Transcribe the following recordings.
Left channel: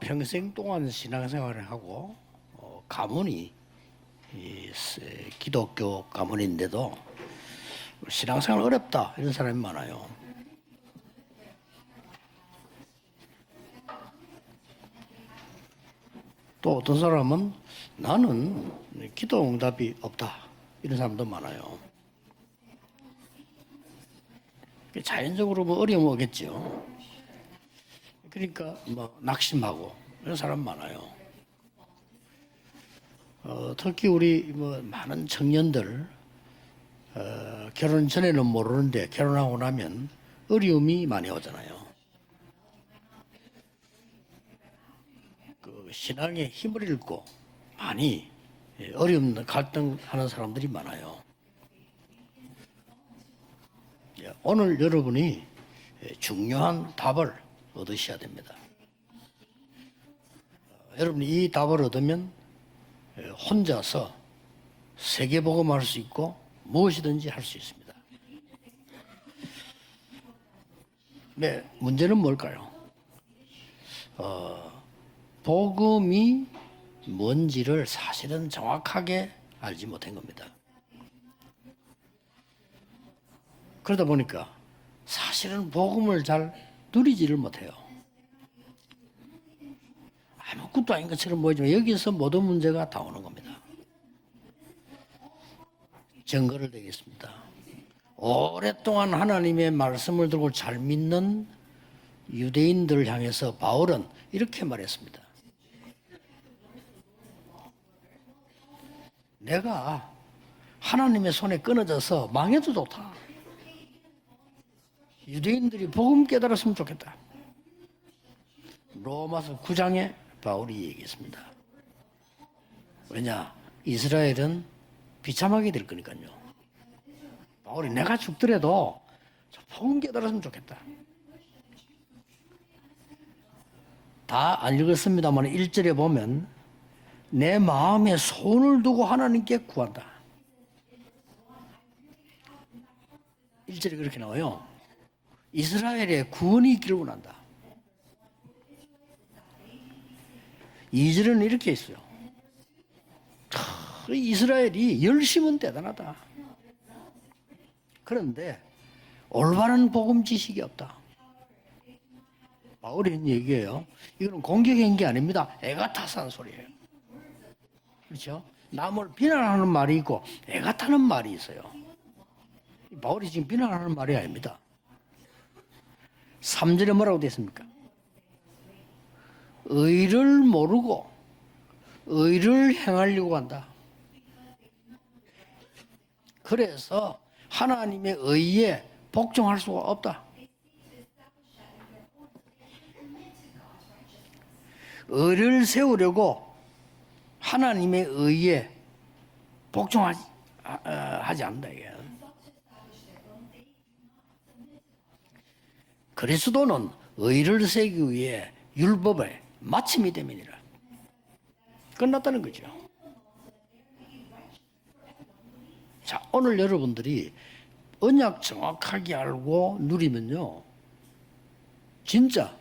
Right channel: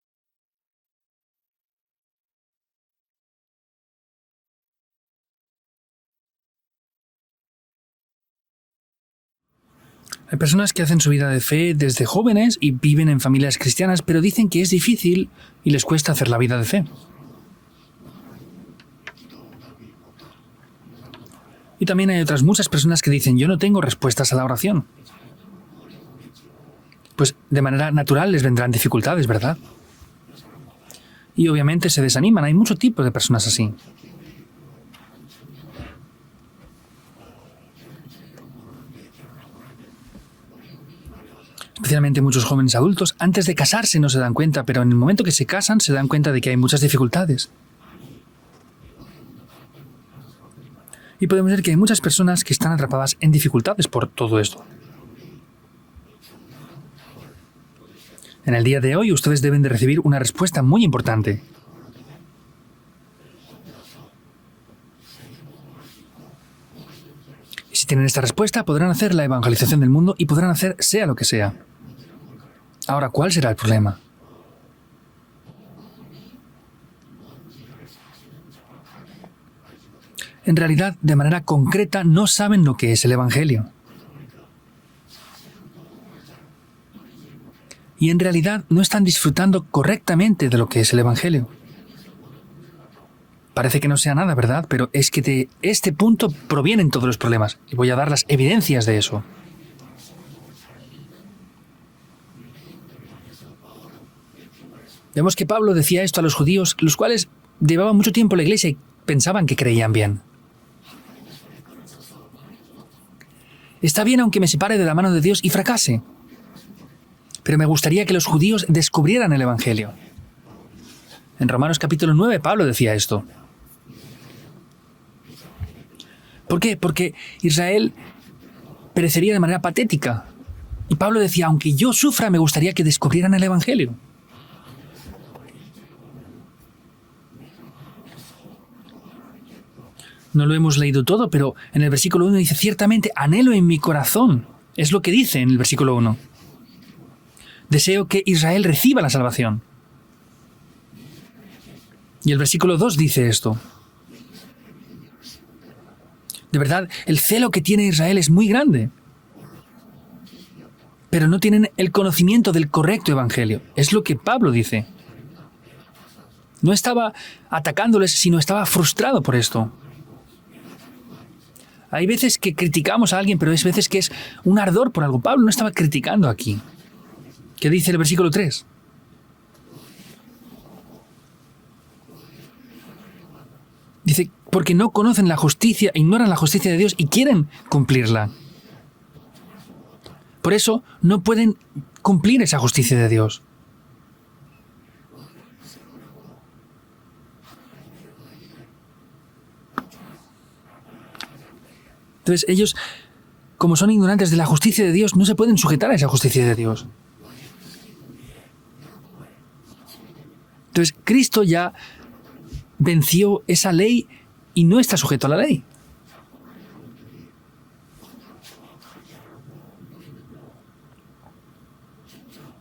평생 동안 신앙생활을 하고 가문이 기독교 가문인데도 신앙생활 어렵다 이런 사람이 많아요. Hay personas que hacen su vida de fe desde jóvenes y viven en familias cristianas, pero dicen que es difícil y les cuesta hacer la vida de 또 fe. 어떤 사람은 나는 기도 응답이 없다 이런 사람도 많아요. Y también hay otras muchas personas que dicen, yo no tengo respuestas a la oración. 자연적으로 뭐 어려움 오겠죠. Pues de manera natural les vendrán dificultades, ¿verdad? 낙심하고 이런 사람 많아요. Y obviamente se desaniman. Hay mucho tipo de personas así. 특히 우리 뭐 많은 청년들 결혼 전에는 모르는데 결혼하고 나면 어려움이 많이 오잖아요. Especialmente muchos jóvenes adultos, antes de casarse no se dan cuenta, pero en el momento que se casan se dan cuenta de que hay muchas dificultades. 많이 어려움 갈등하는 사람들이 많아요. Y podemos ver que hay muchas personas que están atrapadas en dificultades por todo esto. 오늘 여러분이 중요한 답을 얻으셔야 됩니다. En el día de hoy ustedes deben de recibir una respuesta muy importante. 이 답을 얻으면 혼자서 세계복음할 수 있고 무엇이든지 할 수 있어요. Si tienen esta respuesta, podrán hacer la evangelización del mundo y podrán hacer sea lo que sea. 문제는 뭘까요? Ahora, ¿cuál será el problema? 복음이 뭔지를 사실은 정확하게 알지 못한 겁니다. En realidad, de manera concreta, no saben lo que es el Evangelio. 그러다 보니까 사실은 복음을 잘 누리지를 못해요. Y en realidad no están disfrutando correctamente de lo que es el Evangelio. 뭐지만 여기서 모든 문제가 다 오는 겁니다. Parece que no sea nada, ¿verdad? Pero es que de este punto provienen todos los problemas. Y voy a dar las evidencias de eso. 하나님의 말씀을 들고 잘 믿는 유대인들을 향해서 바울은 이렇게 말했습니다. Vemos que Pablo decía esto a los judíos, los cuales llevaban mucho tiempo en la iglesia y pensaban que creían bien. 하나님의 손에 끊어져서 망해도 좋다. Está bien aunque me separe de la mano de Dios y fracase, 복음 깨달았으면 좋겠다. pero me gustaría que los judíos descubrieran el Evangelio. 장에 바울이 얘기했습니다. En Romanos capítulo 9, Pablo decía esto. 왜냐? 이스라엘은 비참하게 될 거니까요. ¿Por qué? Porque Israel 내가 죽더라도 perecería de manera 복음 patética. 깨달았으면 좋겠다. Y Pablo decía, aunque yo sufra, me gustaría que descubrieran el Evangelio. 다 안 읽었습니다만 1절에 보면 내 마음에 손을 두고 하나님께 구한다. No lo hemos leído todo, pero en el versículo 1 dice, ciertamente anhelo en mi corazón. Es lo que dice en el versículo 1. 이스라엘의 구원이 있기를 원한다. Deseo que Israel reciba la salvación. 2절은 이렇게 있어요. Y el versículo 2 dice esto. 이스라엘이 열심은 대단하다. De verdad, el celo que tiene Israel es muy grande, 올바른 복음 지식이 없다. pero no tienen el conocimiento del correcto evangelio. Es lo que Pablo dice. 공격한 게 아닙니다. 애가 타서 하는 소리예요. No estaba atacándoles, sino estaba frustrado por 비난하는 esto. 말이 있고 애가 타는 말이 있어요. Hay veces que criticamos a alguien, pero hay veces que es un ardor por algo. Pablo no estaba criticando aquí. 3절에 뭐라고 되어 있습니까? ¿Qué dice el versículo 3? 의를 모르고 의를 행하려고 한다. Dice, porque no conocen la justicia, ignoran la justicia de Dios y quieren cumplirla. 하나님의 의에 복종할 수가 없다. Por eso no pueden cumplir esa justicia de Dios. 의를 세우려고 하나님의 의에 복종하지 않는다. Entonces ellos, como son ignorantes de la justicia de Dios, no se pueden sujetar a esa justicia de Dios. 그리스도는 의를 세우기 위해 율법의 마침이 됨이니라. Entonces Cristo ya 끝났다는 거죠. venció esa ley y no está sujeto a la ley. 자, 오늘 여러분들이 언약 정확하게 알고 누리면요, 진짜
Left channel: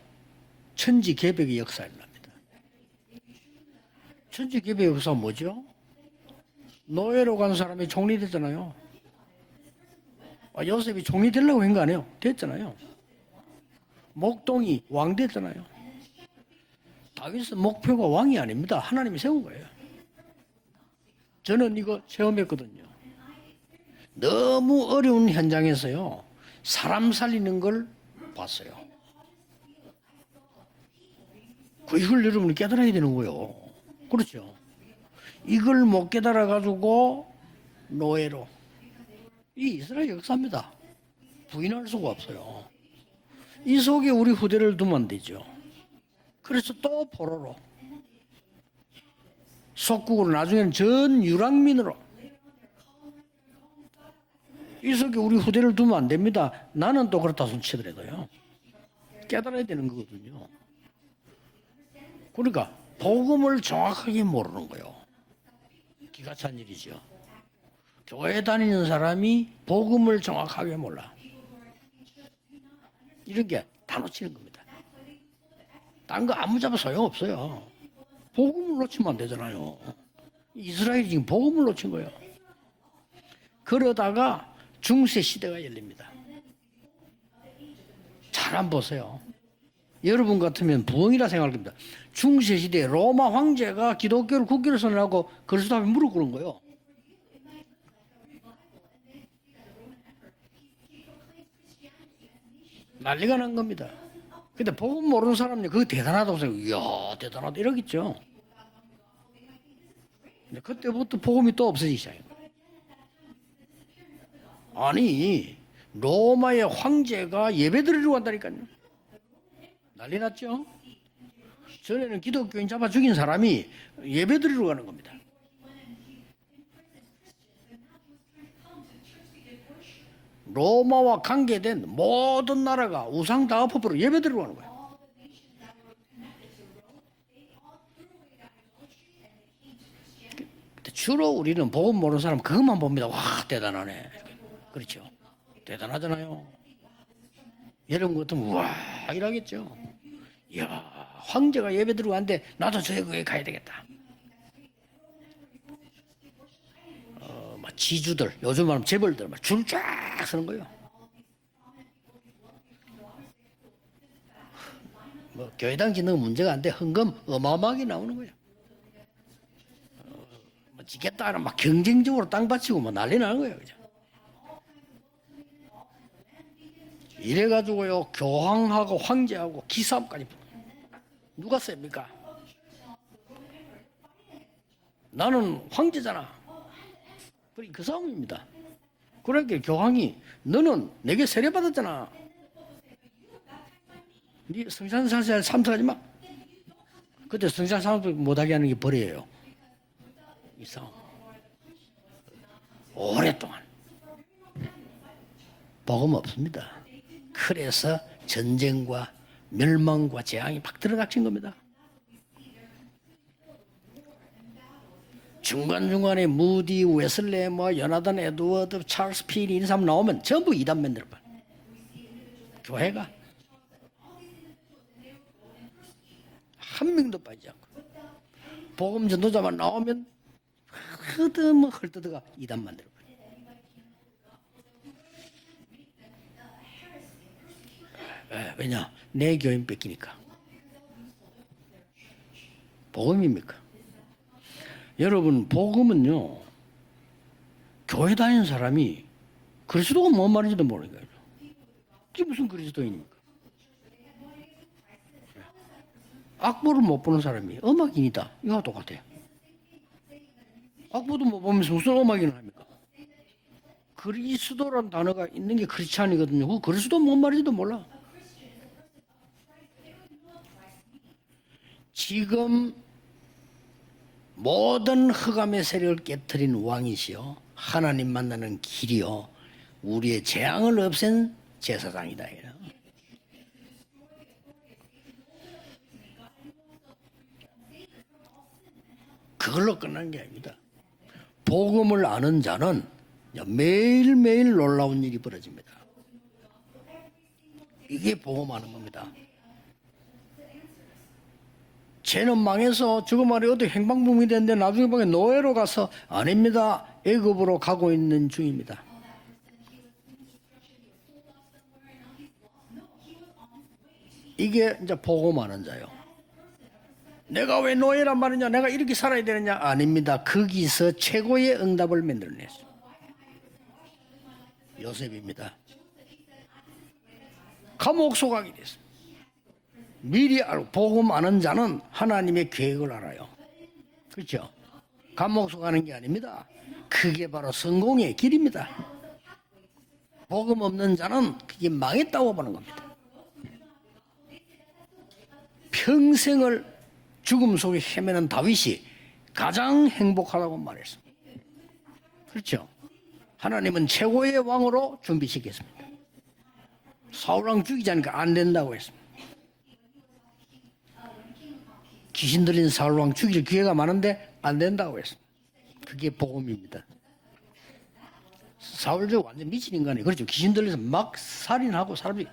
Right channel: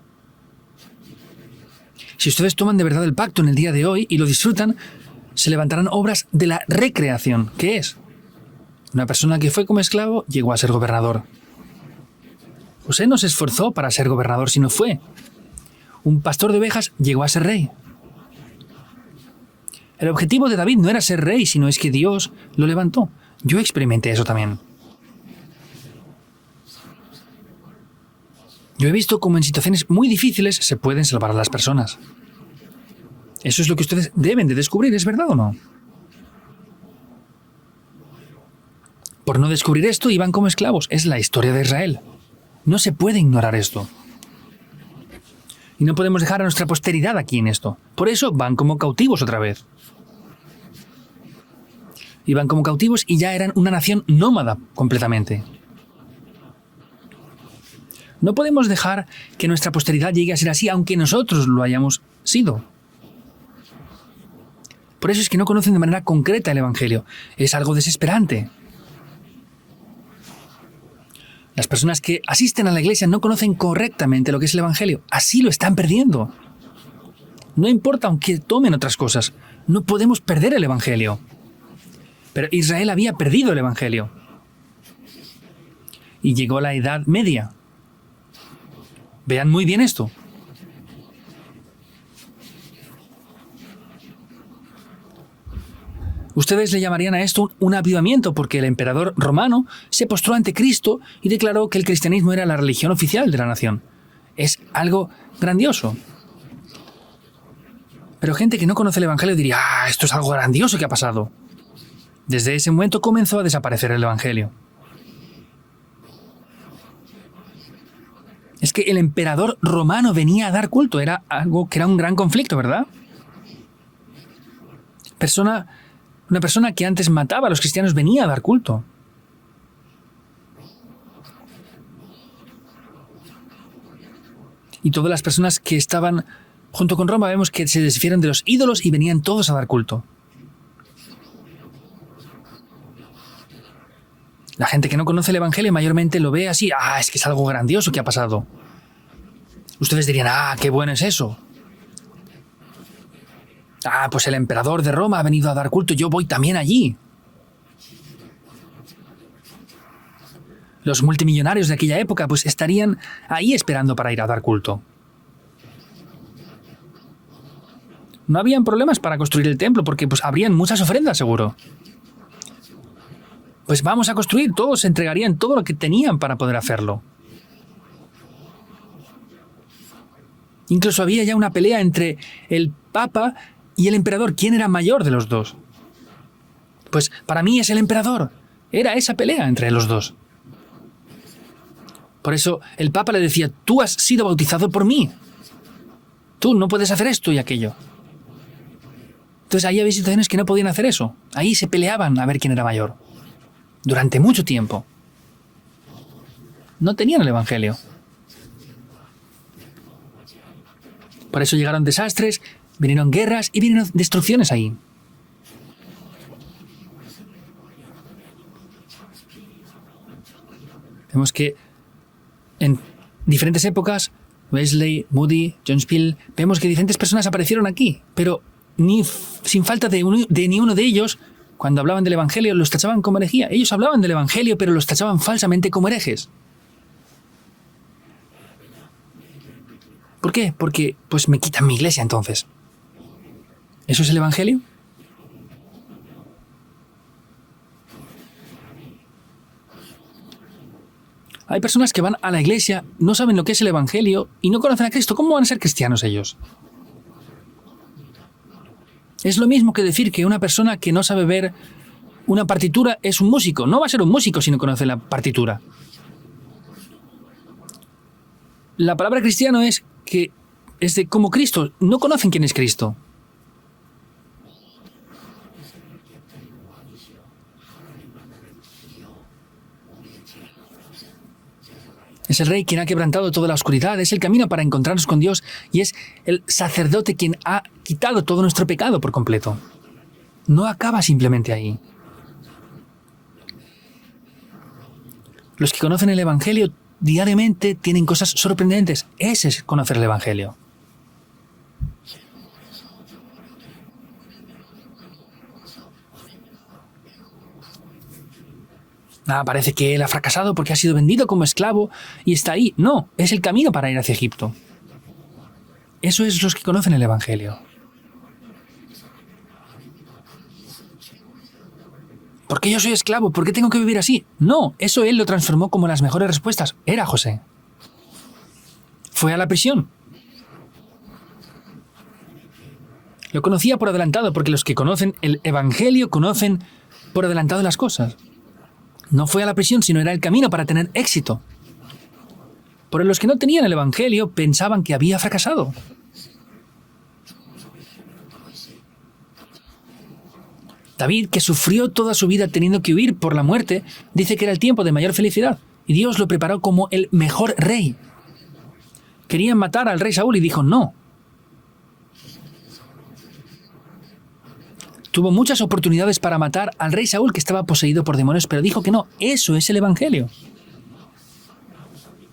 천지 개벽의 역사입니다. Si ustedes toman de verdad el pacto en el día de hoy y lo disfrutan, 개벽의 역사 뭐죠? se levantarán obras de la recreación. ¿Qué es? 총리됐잖아요. Una persona que fue como esclavo llegó a ser gobernador. 총리 되려고 한 거 아니에요? 됐잖아요. José no se esforzó para ser gobernador, sino fue. 왕 됐잖아요. Un pastor de ovejas llegó a ser rey. 목표가 왕이 아닙니다. 하나님이 세운 거예요. El objetivo de David no era ser rey, sino es que Dios lo levantó. Yo experimenté eso también. 너무 어려운 현장에서요, 사람 살리는 걸 봤어요. Yo he visto cómo en situaciones muy difíciles se pueden salvar a las personas. 이걸 여러분이 깨달아야 되는 거예요. Eso es lo que ustedes deben de descubrir, ¿es verdad o no? 이걸 못 깨달아 가지고 노예로. Por no descubrir esto, iban como esclavos. Es la historia de Israel. 수가 없어요. No se puede ignorar 이 esto. 속에 우리 후대를 두면 안 되죠. Y no podemos dejar a nuestra posteridad aquí en esto. Por eso van como cautivos otra vez. 속국으로 나중에는 전 유랑민으로. Iban como cautivos y ya eran una nación nómada 우리 completamente. 후대를 두면 안 됩니다. 나는 또 그렇다 손치더라도요. No podemos dejar que nuestra posteridad llegue a ser así, aunque nosotros lo hayamos sido. 그러니까 복음을 정확하게 모르는 거예요. Por eso es que no conocen de manera concreta el Evangelio. Es algo 교회 desesperante. 다니는 사람이 복음을 정확하게 몰라. Las personas que asisten a la iglesia no conocen correctamente lo que es el Evangelio. Así lo están perdiendo. 거 아무 잡아 소용없어요. No importa aunque tomen otras cosas. No podemos perder el Evangelio. 지금 복음을 놓친 거예요. Pero Israel había perdido el Evangelio. 그러다가 중세 시대가 열립니다. Y llegó la Edad Media. 잘 안 보세요. Vean muy bien esto. 여러분 같으면 부흥이라 생각할 겁니다. 중세 시대 로마 황제가 기독교를 국교를 선언하고 그리스도 앞에 무릎 꿇은 거예요. Ustedes le llamarían a esto un avivamiento porque el emperador romano se postró ante Cristo y declaró que el cristianismo era la religión oficial de la nación. Es 근데 algo 복음 모르는 사람은 grandioso. 그게 대단하다고 생각해요. 이야, 대단하다 이러겠죠. Pero gente que no conoce el Evangelio diría, esto es algo grandioso que ha pasado. 복음이 또 없어지기 시작해요. Desde ese momento comenzó a desaparecer el Evangelio. 아니 로마의 황제가 예배드리러 간다니까요. Es que el emperador romano venía a dar culto, era algo que era un gran conflicto, ¿verdad? 죽인 사람이 예배드리러 가는 겁니다. Una persona que antes mataba a los cristianos venía a dar culto. 로마와 관계된 모든 나라가 우상 다업법으로 예배드리러 가는 거예요. Y todas las personas que estaban junto con Roma vemos que se desfieron de los ídolos y venían todos a dar culto. 근데 주로 우리는 복음 모르는 사람 그것만 봅니다. 와 대단하네. La gente que no conoce el Evangelio mayormente lo ve así, es que es algo grandioso que ha pasado. 와 이러겠죠. Ustedes dirían, qué bueno es eso. 황제가 예배드리러 가는데 나도 저 거기 가야 되겠다. Pues el emperador de Roma ha venido a dar culto, yo voy también allí. 막 지주들 요즘 말하면 재벌들 줄쫙 서는 거예요. Los multimillonarios de aquella época pues estarían ahí esperando para ir a dar culto. 뭐 교회당 짓는 문제가 안 돼. 헌금 어마어마하게 나오는 거예요. No habían problemas para construir el templo porque pues habrían muchas ofrendas seguro. 막 경쟁적으로 땅 바치고 뭐 난리 나는 거예요. Pues vamos a construir, todos entregarían todo lo que tenían para poder hacerlo. 이래가지고요 교황하고 황제하고 기싸움까지. Incluso había ya una pelea entre el papa y el emperador. ¿Quién era mayor de los dos? 나는 황제잖아. Pues para mí es el emperador. Era esa pelea entre los dos. 너는 내게 세례 받았잖아. Por eso el papa le decía, tú has sido bautizado por mí. 성살살 참석하지 마. Tú no puedes hacer esto y aquello. 성살 참석 못하게 하는 게 벌이에요. Entonces ahí había situaciones que no podían hacer eso. Ahí se peleaban a ver quién era mayor. 오랫동안 Durante mucho tiempo. 복음 없습니다. No tenían el Evangelio. 그래서 전쟁과 멸망과 재앙이 막 들어닥친 Por 겁니다. eso llegaron desastres, vinieron guerras y vinieron destrucciones ahí. 중간중간에 무디, 웨슬레, 뭐 요나단 에드워드, 찰스 필 이런 사람 나오면 전부 이단맨들. Vemos que en 교회가 diferentes épocas, Wesley, Moody, John Spiel, vemos que diferentes personas aparecieron aquí, pero sin falta de ni uno de ellos, cuando hablaban del Evangelio, los tachaban como herejía. Ellos hablaban del Evangelio, pero los tachaban falsamente como herejes. 왜냐? 내 교인 뺏기니까. ¿Por qué? Porque pues me quitan mi iglesia entonces. 복음입니까? ¿Eso es el Evangelio? 여러분 복음은요. 교회 다니는 사람이 그리스도가 뭔 말인지도 모르는 거예요. Hay personas que van a la iglesia, no saben lo que es el Evangelio y no conocen a Cristo. ¿Cómo van a ser cristianos ellos? 악보를 못 보는 사람이 음악인이다. 이거 똑같아. Es lo mismo que decir que una persona que no sabe ver 보면서 무슨 음악이냐? una partitura es un músico. No va a ser un músico si no conoce la partitura. 이게 크리스찬이거든요. 그 그리스도 뭔 말인지도 몰라. La palabra cristiano es que es de como Cristo. No conocen quién es Cristo. 모든 흑암의 세력을 깨뜨린 왕이시여 하나님 만나는 길이요 우리의 재앙을 없앤 제사장이다. Es el rey quien ha quebrantado toda la oscuridad, es el camino para encontrarnos con Dios y es el sacerdote quien ha quitado todo nuestro pecado por completo. 그걸로 끝난 게 아닙니다. No acaba simplemente ahí. 복음을 아는 자는 매일매일 놀라운 일이 벌어집니다. Los que conocen el Evangelio diariamente tienen cosas sorprendentes. Ese es conocer el Evangelio. 쟤는 망해서 죽음 아래 어떻게 행방불명이 됐는데 나중에 보면 노예로 가서 아닙니다. 애굽으로 가고 있는 중입니다. Parece que él ha fracasado porque ha sido vendido como esclavo y está ahí. No, es el camino para ir hacia Egipto. 이게 이제 복음 아는 자요. Eso es los que conocen el Evangelio. 내가 왜 노예란 말이냐? 내가 이렇게 살아야 되느냐? 아닙니다. 거기서 최고의 응답을 만들네. ¿Por qué yo soy esclavo? ¿Por qué tengo que vivir así? No, eso él lo transformó como las mejores respuestas. Era José. 감옥 소각이 됐어. Fue a la prisión. 미리 알고 복음 아는 자는 하나님의 계획을 알아요. Lo conocía por adelantado porque los que conocen el Evangelio conocen por adelantado las cosas. 성공의 길입니다. No fue a la prisión, sino era el camino para tener éxito. 이게 망했다고 보는 겁니다. Por los que no tenían el Evangelio pensaban que había fracasado. 평생을 죽음 속에 헤매는 다윗이 가장 행복하다고 말했어. David, que sufrió toda su vida teniendo que huir por la muerte, dice que era el tiempo de mayor felicidad. Y Dios lo preparó como el mejor rey. 안 된다고 했어. Querían matar al rey Saúl y dijo no. 귀신 들린 사울 왕 죽일 기회가 많은데 안 된다고 했어. Tuvo muchas oportunidades para matar al rey Saúl, que estaba poseído por demonios, pero dijo que no, eso es el Evangelio. 귀신 들려서 막 살인하고 사람이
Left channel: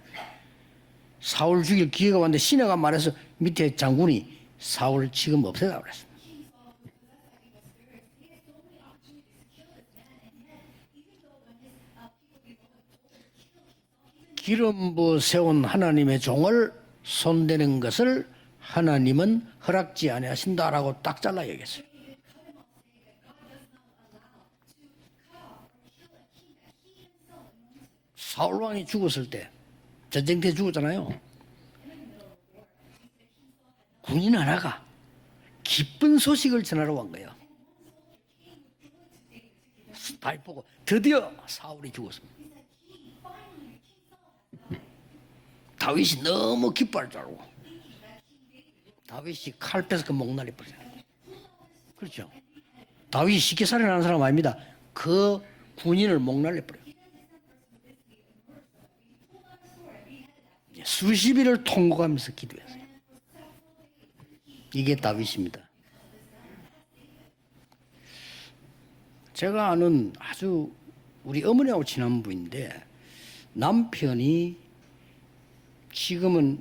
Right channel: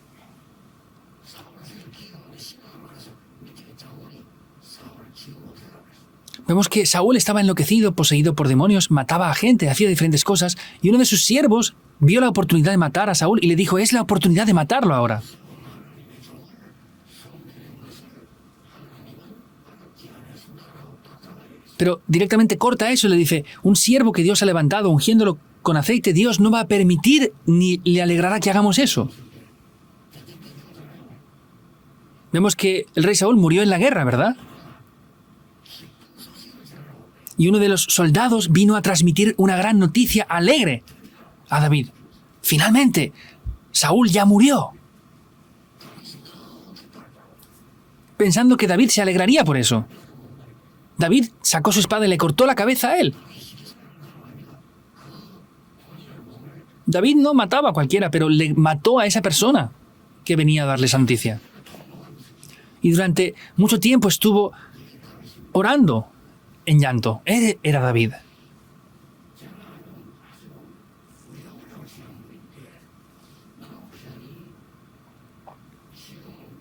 사울 죽일 기회가 왔는데 시내가 말해서 밑에 장군이 사울 지금 없애라 그랬어. Vemos que Saúl estaba enloquecido, poseído por demonios, mataba a gente, hacía diferentes cosas, y uno de sus siervos vio la oportunidad de matar a Saúl y le dijo, es la oportunidad de matarlo ahora. 세운 하나님의 종을 손대는 것을 하나님은 허락지 아니하신다라고 딱 잘라 얘기했어요. Pero directamente corta eso y le dice, un siervo que Dios ha levantado, ungiéndolo con aceite, Dios no va a permitir ni le alegrará que hagamos eso. 죽었을 때 전쟁 때 죽었잖아요. Vemos que el rey Saúl murió en la guerra, ¿verdad? 하나가 기쁜 소식을 전하러 온 거예요. Y uno de los soldados vino a transmitir una gran noticia alegre 드디어 a David. 사울이 죽었어. Finalmente, Saúl ya murió, 다윗이 너무 기뻐할 줄 알고 pensando que David se alegraría por eso. 칼 빼서 그 목날이 버려. David sacó su espada y le cortó la cabeza a él. 다윗이 쉽게 살인하는 사람 아닙니다. 그 군인을 목날려 버려. David no mataba a cualquiera, pero le mató a esa persona que venía a darle esa noticia. 90일을 통곡하면서 기도했어요. Y durante mucho tiempo estuvo 이게 다윗입니다. orando en llanto. Era David. 제가 아는 아주 우리 어머니하고 친한 분인데 남편이 지금은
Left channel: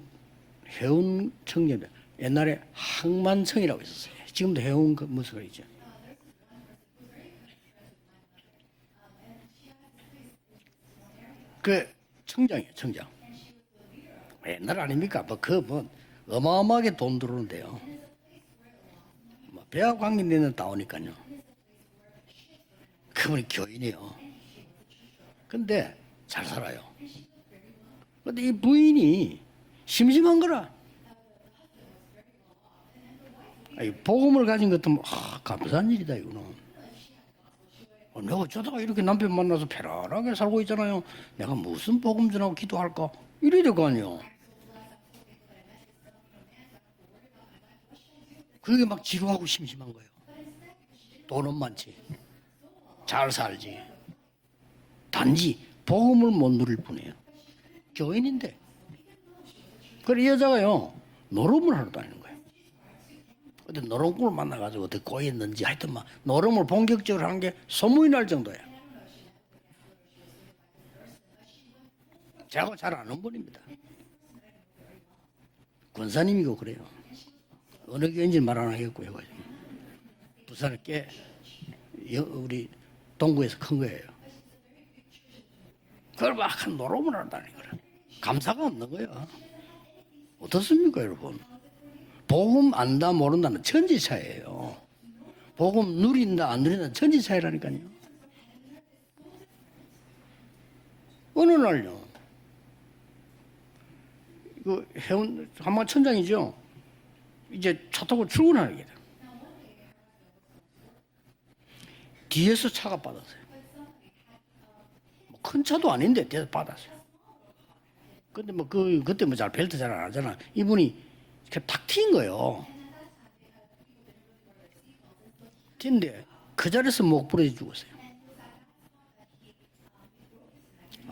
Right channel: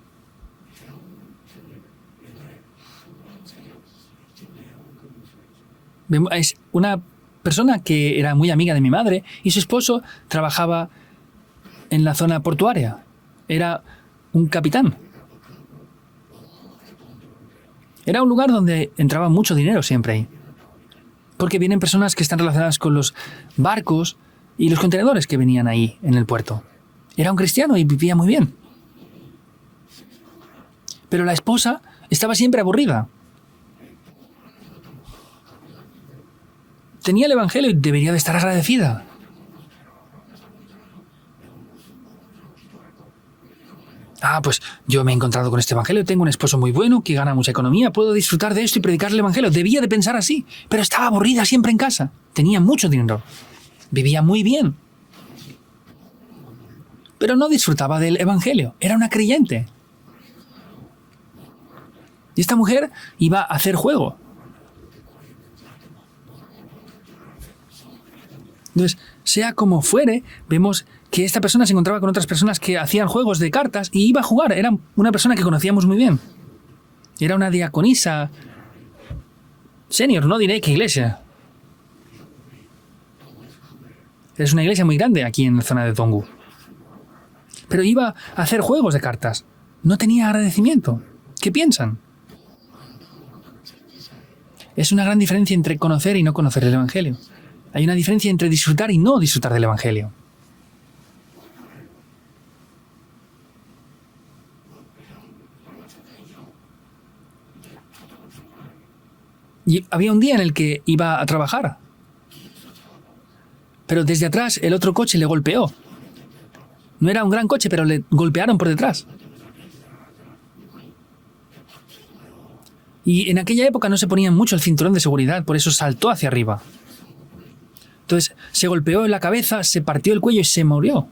해운 청년, 옛날에 항만청이라고 있었어요. 지금도 해운 그 무술이죠. Es una persona que era muy amiga de mi madre y su esposo trabajaba 그 en la zona 총장이 portuaria. 총장. Era un capitán. 아닙니까? 뭐 어마어마하게 돈 들어오는데요. Era un lugar donde entraba mucho dinero siempre ahí. 데는 나오니까요. Porque vienen personas que están relacionadas con los barcos y los contenedores que venían ahí en el puerto. Era un cristiano y vivía muy 이 bien. 부인이 심심한 거라. Pero la esposa estaba siempre aburrida. 아니, 복음을 가진 것도 감사한 일이다 이거는. Tenía el evangelio y debería de estar agradecida. 남편 만나서 편안하게 살고 있잖아요. 내가 무슨 복음 전하고 기도할까? 이래야 될 거 아니에요. Ah, pues yo me he encontrado con este evangelio, tengo un esposo muy bueno que gana mucha economía, puedo disfrutar de esto y predicar el evangelio. Debía de pensar así, pero estaba aburrida siempre en casa. Tenía mucho dinero, 잘 살지. vivía muy bien, 단지 복음을 못 누릴 뿐이에요. pero no disfrutaba del evangelio. Era una creyente. 그래 이 여자가요 노름을 하러 다니는 거예요. Y esta mujer iba a hacer juego. 노름을 만나가지고 어떻게 꼬였는지 하여튼 막 노름을 본격적으로 한 게 소문이 날 정도예요. Entonces, sea como fuere, vemos que esta persona se encontraba con otras personas que hacían juegos de cartas y iba a jugar. Era una persona que conocíamos muy bien. 목사님이고 그래요. Era una diaconisa 왠지 말 안 하겠고요. senior, no diré qué iglesia. 우리 동구에서 큰 거예요. Es una iglesia muy grande aquí en la zona de Donggu. 그걸 막 노름을 하러 다니는 거예요. Pero iba a hacer juegos de cartas. No tenía agradecimiento. ¿Qué piensan? 복음 안다 모른다는 천지 차이예요. Es una gran diferencia entre conocer y no conocer el Evangelio. 천지 차이라니까요. Hay una diferencia entre disfrutar y no disfrutar del Evangelio. 어느 날요. 그 해운 한마천장이죠. 이제 차 타고 출근하는 게 Y había un día en el que iba a trabajar, 뒤에서 차가 받았어요. pero desde atrás el otro coche le golpeó. 차도 아닌데 뒤에서 받았어요. No era un gran coche, pero le golpearon por detrás. 그때 뭐 잘 벨트 잘 안 하잖아. 이분이 탁 튄 거예요. Y en aquella época no se ponían mucho el cinturón de seguridad, por eso saltó hacia arriba. 그 자리에서 목 부러져 죽었어요. Entonces se golpeó en la cabeza, se partió el cuello y se murió.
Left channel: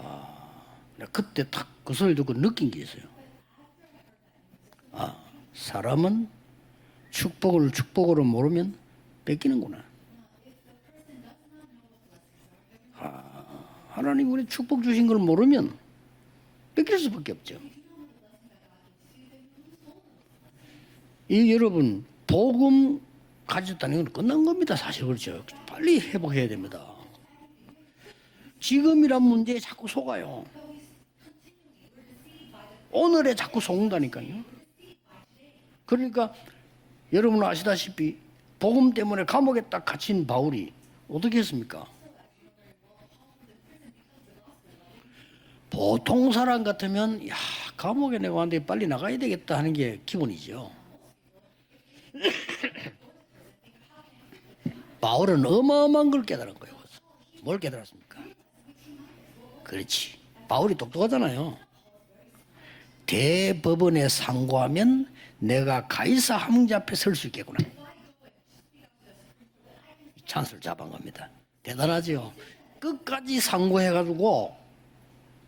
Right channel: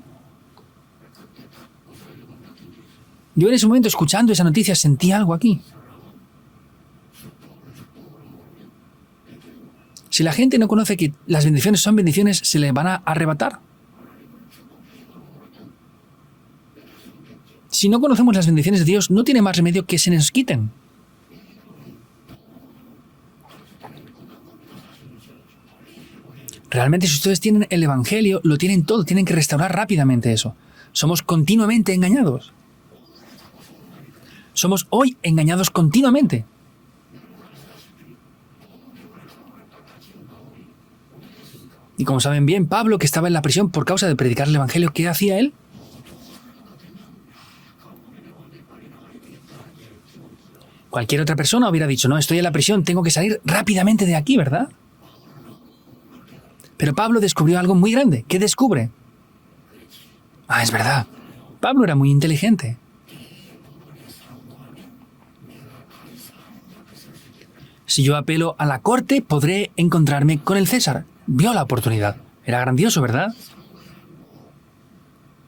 그때 탁 그 소리 듣고 느낀 게 있어요. Yo en ese momento, escuchando esa noticia, sentí algo aquí. 사람은 축복으로 모르면 뺏기는구나. Si la gente no conoce que las bendiciones son bendiciones, se le van a arrebatar. 하나님 우리 축복 주신 걸 모르면 뺏길 수밖에 없죠. Si no conocemos las bendiciones de Dios, no tiene más remedio que se nos quiten. 이 여러분 복음 가졌다는 건 끝난 겁니다. 사실 그렇죠. 빨리 회복해야 됩니다. Realmente, si ustedes tienen el Evangelio, lo tienen todo, tienen que restaurar rápidamente eso. Somos continuamente engañados. 오늘에 자꾸 속는다니까요. Somos hoy engañados continuamente. 여러분 아시다시피 복음 때문에 감옥에 딱 갇힌 바울이 어떻게 했습니까? Y como saben bien, Pablo, que estaba en la prisión por causa de predicar el Evangelio, ¿qué hacía él? 보통 사람 같으면 야 감옥에 내가 왔는데 빨리 나가야 되겠다 하는 게 기본이죠. Cualquier otra persona hubiera dicho, no, estoy en la prisión, tengo que salir rápidamente de aquí, ¿verdad? 바울은 어마어마한 걸 깨달은 거예요. Pero Pablo descubrió algo muy grande. ¿Qué descubre? 그렇지. Ah, es verdad. 그거잖아요. Pablo era muy inteligente. 대법원에 상고하면 내가 가이사 황제 앞에 설 수 있겠구나. Si yo apelo a la corte, podré encontrarme con el César. Vio la oportunidad. Era grandioso, ¿verdad? 끝까지 상고해가지고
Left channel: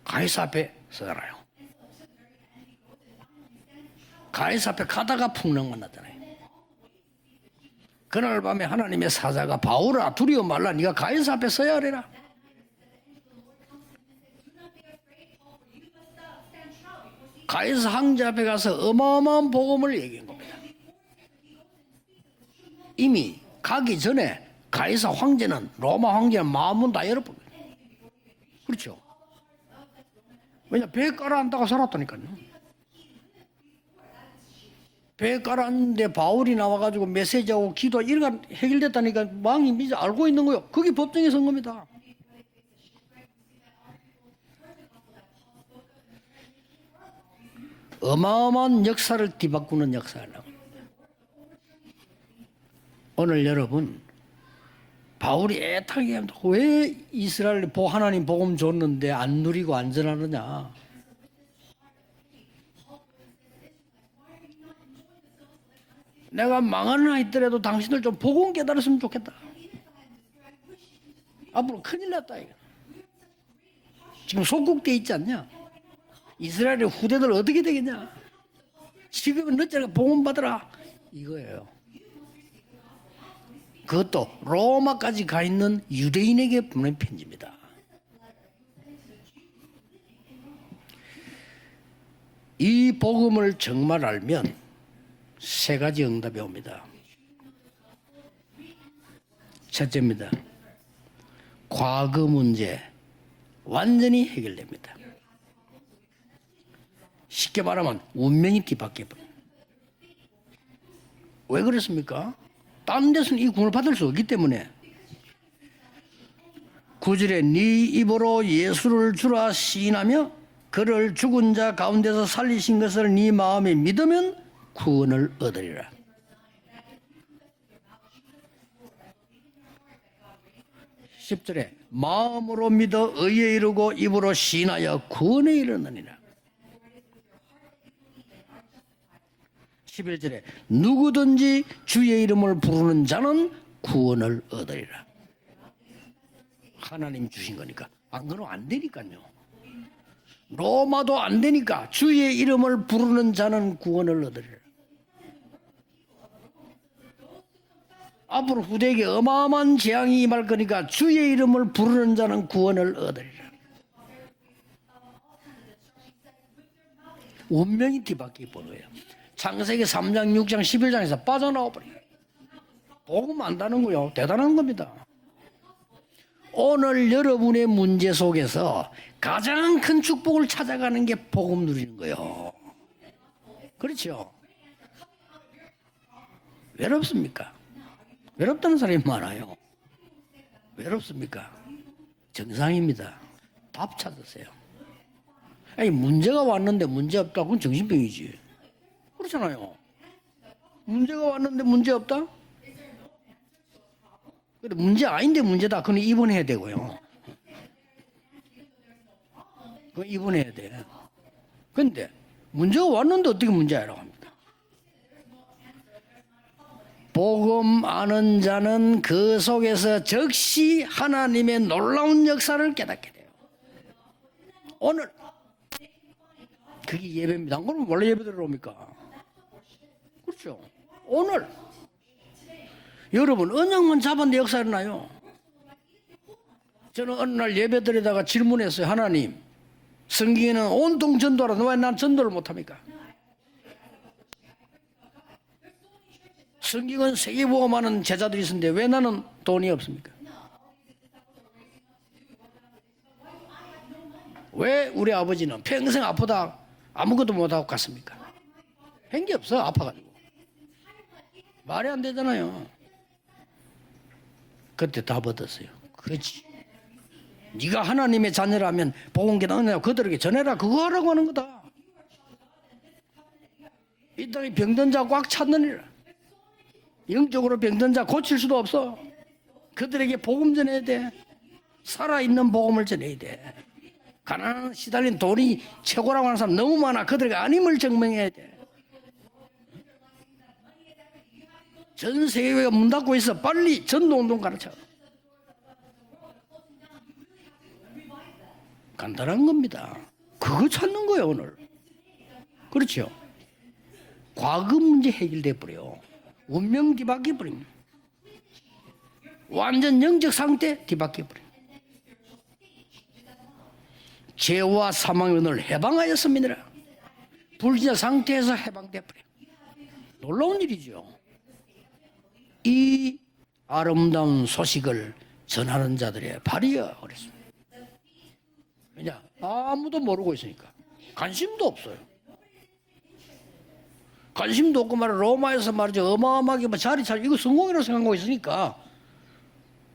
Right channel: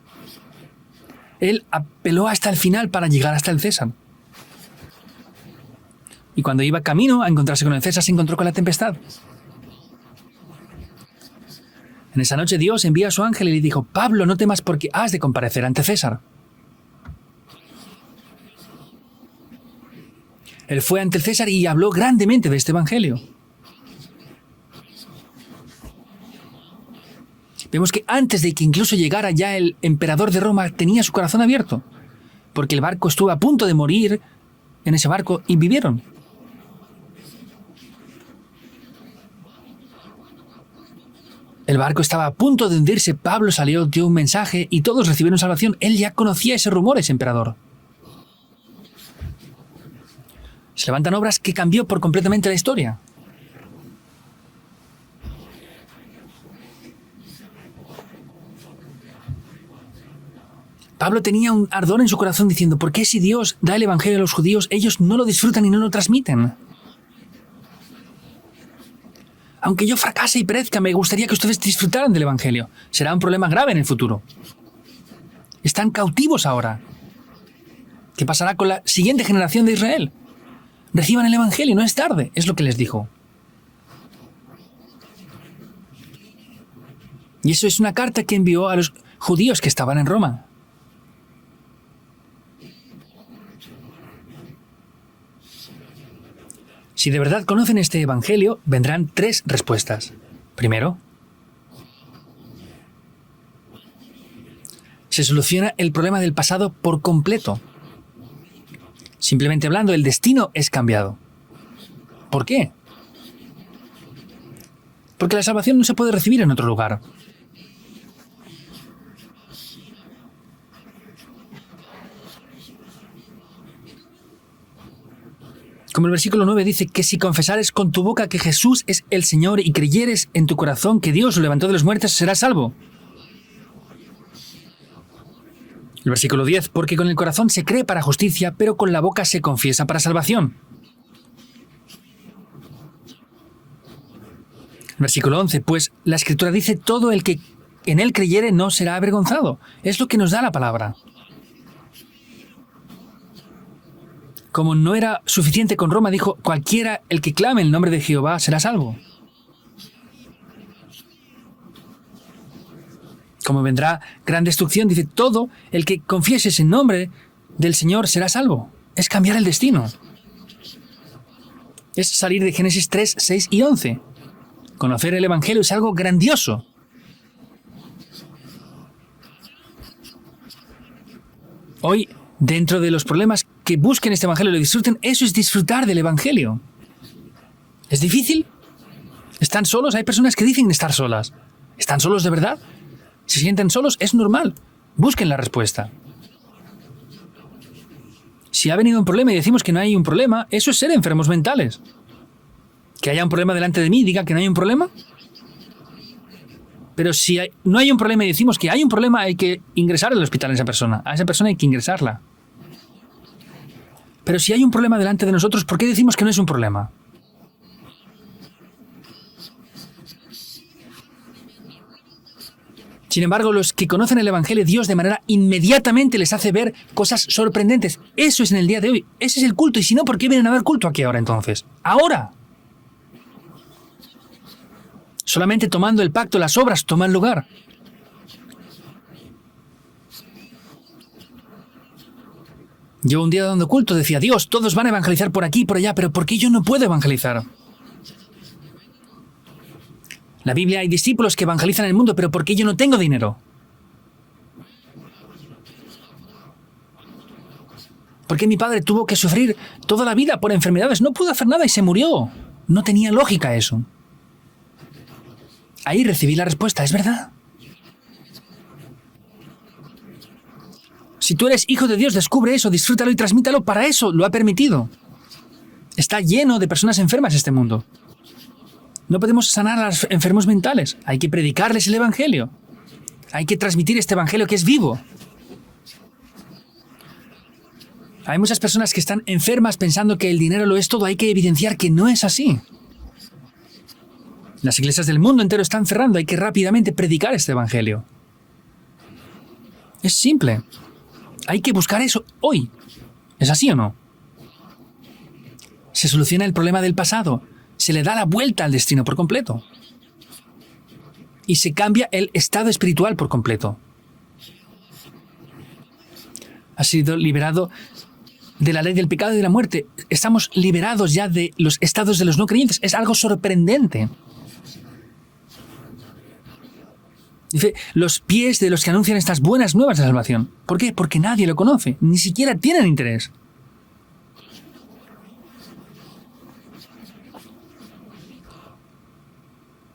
가이사 앞에 서잖아요. Él apeló hasta el final para llegar hasta el César. 가이사 앞에 가다가 풍랑 만났잖아요. Y cuando iba camino a encontrarse con el César, se encontró 그날 con la 밤에 tempestad. 하나님의 사자가 바울아 두려워 말라 네가 가이사 앞에 서야 하리라. En esa noche Dios envía a su ángel y le dijo, Pablo, no temas porque has de comparecer ante César. 가이사 황제 앞에 가서 어마어마한 복음을 얘기한 겁니다. Él fue ante el César y habló grandemente de este evangelio. 이미 가기 전에 가이사 황제는 로마 황제는 마음은 다 열어버려. Vemos que antes de que incluso llegara ya el emperador de Roma, tenía su corazón abierto, 살았다니까요. porque el barco estuvo a punto de morir en ese barco y vivieron. 근데 바울이 나와가지고 메시지하고 기도 이런 거 해결됐다니까 왕이 이제 알고 있는 거요. 그게 법정에 선 겁니다. El barco estaba a punto de hundirse, Pablo salió, dio un mensaje y todos recibieron salvación. Él ya conocía ese rumor, ese emperador. 어마어마한 역사를 뒤바꾸는 역사예요. Se levantan obras que cambió por completamente la historia. 오늘 여러분 바울이 애타게 왜 이스라엘 하나님 복음 줬는데 안 누리고 안전하느냐. Pablo tenía un ardor en su corazón diciendo, ¿por qué si Dios da el evangelio a los judíos, ellos no lo disfrutan y no lo transmiten? 내가 망하나 있더라도 당신들 좀 복음 깨달았으면 좋겠다. Aunque yo fracase y perezca, me gustaría que ustedes disfrutaran del evangelio. Será un problema grave en el futuro. 지금 속국돼 있지 않냐? Están cautivos ahora. 이스라엘의 후대들 어떻게 되겠냐? ¿Qué pasará con la siguiente generación de Israel? 복음 받으라. Reciban el evangelio, no es tarde, es lo que les dijo. 그것도 로마까지 가 있는 유대인에게 보낸 편지입니다. Y eso es una carta que envió a los judíos que estaban en Roma. 이 복음을 정말 알면 세 가지 응답이 옵니다. Si de verdad conocen este evangelio, vendrán tres respuestas. 첫째입니다. Primero, 과거 문제 완전히 해결됩니다. se soluciona el problema del pasado por completo. 쉽게 말하면 운명이 뒤바뀌어요. Simplemente hablando, el destino es cambiado. 왜 그렇습니까? ¿Por qué? 딴 데서는 이 구원을 받을 수 없기 때문에 Porque la salvación no se puede recibir en otro lugar. 구절에 네 입으로 예수를 주라 시인하며 그를 죽은 자 가운데서 살리신 것을 네 마음에 믿으면 구원을 얻으리라. Como el versículo 9 dice que si confesares con tu boca que Jesús es el Señor y creyeres en tu corazón que Dios lo levantó de los muertos, serás salvo. 마음으로 믿어 의에 이르고 입으로 시인하여 구원에 이르느니라. El versículo 10, porque con el corazón se cree para justicia, pero con la boca se confiesa para salvación. 누구든지 주의 이름을 부르는 자는 구원을 얻으리라. Versículo 11, pues la Escritura dice todo el que en él creyere no será avergonzado. Es lo que nos da la palabra. 로마도 안 되니까 주의 이름을 부르는 자는 구원을 얻으리라. Como no era suficiente con Roma, dijo, cualquiera el que clame el nombre de Jehová será salvo. 그들에게 어마어마한 재앙이 임할 거니까 주의 이름을 부르는 자는 구원을 얻으리라. Como vendrá gran destrucción, dice, todo el que confiese ese nombre del Señor será salvo. Es cambiar el destino. 창세기 3장, 6장, 11장에서 빠져나와버려. Es salir de Génesis 3, 6 y 11. 대단한 겁니다. Conocer el Evangelio es algo grandioso. 오늘 여러분의 문제 속에서 가장 큰 축복을 찾아가는 게 복음 누리는 Hoy, 거예요. dentro de los problemas que busquen este Evangelio y lo disfruten, eso es disfrutar del Evangelio. 외롭습니까? ¿Es difícil? 외롭다는 사람이 많아요. ¿Están solos? Hay personas que dicen estar solas. ¿Están solos de verdad? 이상입니다. ¿Se sienten solos? Es normal. Busquen la respuesta. 아니 문제가 왔는데 문제 없다. 그건 정신병이지. Si ha venido un problema y decimos que no hay un problema, eso es ser enfermos mentales. 문제 없다? Que haya un problema delante de mí, diga que no hay un problema. 문제 아닌데 문제다. 그건 입원해야 되고요. Pero si no hay un problema y decimos que hay un problema, hay que ingresar al hospital a esa persona. A esa persona hay que ingresarla. 문제가 왔는데 어떻게 문제야? Pero si hay un problema delante de nosotros, ¿por qué decimos que no es un problema? 복음 아는 자는 그 속에서 즉시 하나님의 놀라운 역사를 깨닫게. Sin embargo, los que conocen el Evangelio, Dios de manera inmediatamente les hace ver cosas sorprendentes. Eso es en el día de hoy. Ese es el culto. Y si no, ¿por qué vienen a ver culto aquí ahora entonces? Ahora. 여러분 언약만 잡았는데 역사 일어나요. Solamente tomando el pacto, las obras toman lugar. 오늘 예배드리다가 질문했어요. 하나님, 성경에는 온통 전도하라. 왜 난 전도를 못합니까? Yo un día dando culto decía, Dios, todos van a evangelizar por aquí y por allá, pero ¿por qué yo no puedo evangelizar? 세계보고 많은 제자들이 있는데 왜 나는 돈이 없습니까? La Biblia hay discípulos que evangelizan el mundo, pero ¿por qué yo no tengo dinero? 왜 우리 아버지는 평생 아프다 아무것도 못하고 갔습니까? ¿Por qué mi padre tuvo que sufrir toda la vida por enfermedades? No pudo hacer nada y se murió. No tenía lógica eso. 그때 다 받았어요. Ahí recibí la respuesta, es verdad. 네가 하나님의 자녀라면 복음 깨닫느냐 그들에게 전해라 그거 하라고 하는 Si 거다. tú eres hijo de Dios, descubre eso, disfrútalo y transmítalo. Para eso lo ha permitido. 병든 자 꽉 찼느니라. Está lleno de personas enfermas este 적으로 mundo. 병든 자 고칠 수도 없어. No podemos sanar a los enfermos mentales. Hay que predicarles el Evangelio. 살아있는 복음을 전해야 돼. Hay que transmitir este Evangelio que es vivo. 달린 돈이 최고라고 하는 사람 너무 많아. 그들에게 아님을 증명해. Hay muchas personas que están enfermas pensando que el dinero lo es todo. Hay que evidenciar que no es así. 세계가 문 닫고 있어. 빨리 전도운동 가르쳐. Las iglesias del mundo entero están cerrando. Hay que rápidamente predicar este Evangelio. 간단한 겁니다. Es simple. 그거 찾는 거예요 오늘. Hay que buscar eso hoy. 그렇죠. ¿Es así o no? 과거 문제 해결돼 버려. Se soluciona el problema del pasado. Se le da la vuelta al destino por completo. 완전 영적 상태 뒤바뀌어 버려. Y se cambia el estado espiritual por completo. 죄와 사망의 오늘 해방하였습니다. Ha sido liberado 불신자 상태에서 de la ley del pecado y de la muerte. Estamos liberados ya de los estados de los no creyentes. Es algo sorprendente. 아름다운 소식을 전하는 자들의 발이여 그랬습니다. Dice, los pies de los que anuncian estas buenas nuevas de salvación. ¿Por qué? Porque nadie lo conoce. Ni siquiera tienen interés. 관심도 없고 말이야 로마에서 말이죠 어마어마하게 뭐 자리 잘 이거 성공이라고 생각하고 있으니까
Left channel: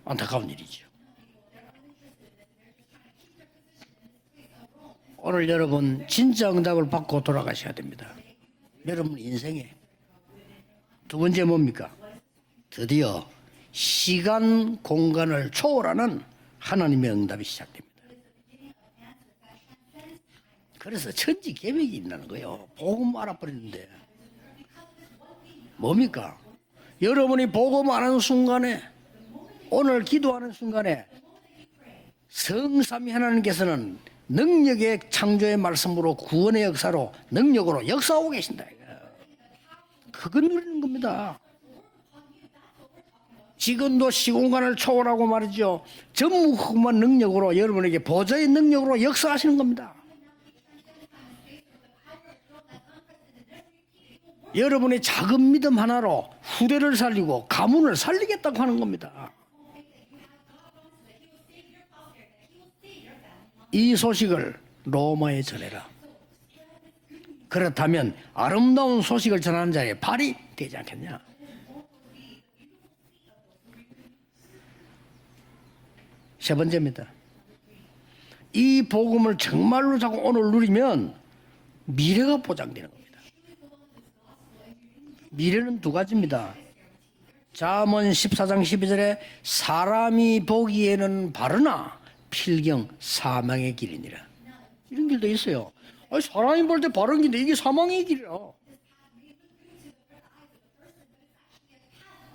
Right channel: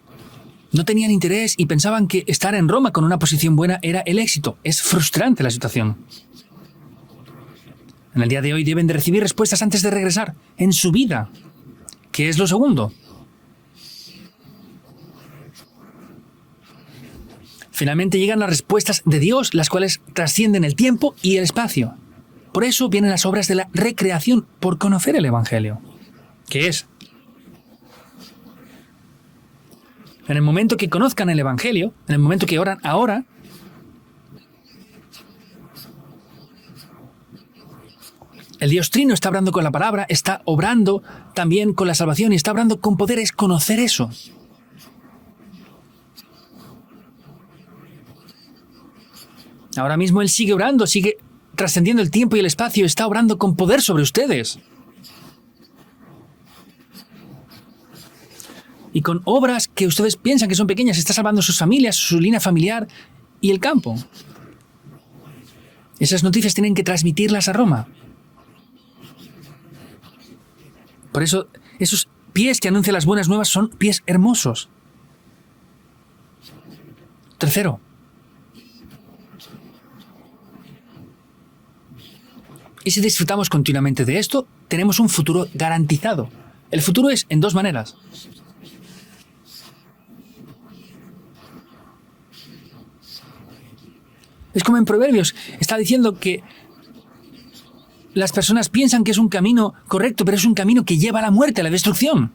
안타까운 일이지. No tenían interés y pensaban que estar en Roma con una posición buena era el éxito. Es frustrante la 오늘 situación. 여러분 진짜 응답을 받고 돌아가셔야 됩니다. En el día de hoy deben de recibir respuestas antes de regresar. En su vida. 문제 뭡니까? ¿Qué es lo segundo? 드디어 시간 공간을 초월하는 하나님의 응답이 시작. Finalmente llegan las respuestas de Dios, las cuales trascienden el tiempo y el espacio. Por eso vienen las obras de la recreación por conocer el Evangelio. 뭡니까? ¿Qué es? 여러분이 보고 말하는 순간에 오늘 기도 En el momento que conozcan el Evangelio, en el momento que oran ahora, 하나님께서는 능력의 창조의 말씀으로 구원의 역사로 능력으로 역사하고 계신다. el Dios Trino está obrando con la palabra, está obrando también con la salvación y está obrando con poder. Es conocer eso. 지금도 시공간을 초월하고 말이죠. 전무후무한 능력으로 여러분에게 보좌의 능력으로 역사하시는 겁니다. Ahora mismo Él sigue orando, sigue trascendiendo el tiempo y el espacio, está obrando con poder sobre ustedes. 여러분의 작은 믿음 하나로 후대를 살리고 가문을 살리겠다고 하는 Y 겁니다. con obras que ustedes piensan que son pequeñas, está salvando sus familias, su línea familiar y el campo. 이 소식을 로마에 전해라. Esas noticias tienen que transmitirlas a Roma. 그렇다면 아름다운 소식을 전하는 자의 발이 되지 않겠냐? Por eso, esos pies que anuncian las buenas nuevas son pies hermosos. 세 번째입니다. Tercero, 이 복음을 정말로 자꾸 오늘 누리면 미래가 보장돼요. y si disfrutamos continuamente de esto, tenemos un futuro garantizado. El futuro es en dos maneras. 잠언 14장 12절에 사람이 보기에는 바르나 필경 사망의 길이니라. Es como en Proverbios, está diciendo que 사람이 볼 때 바른 길인데 이게 사망의 길이야. las personas piensan que es un camino correcto, pero es un camino que lleva a la muerte, a la destrucción.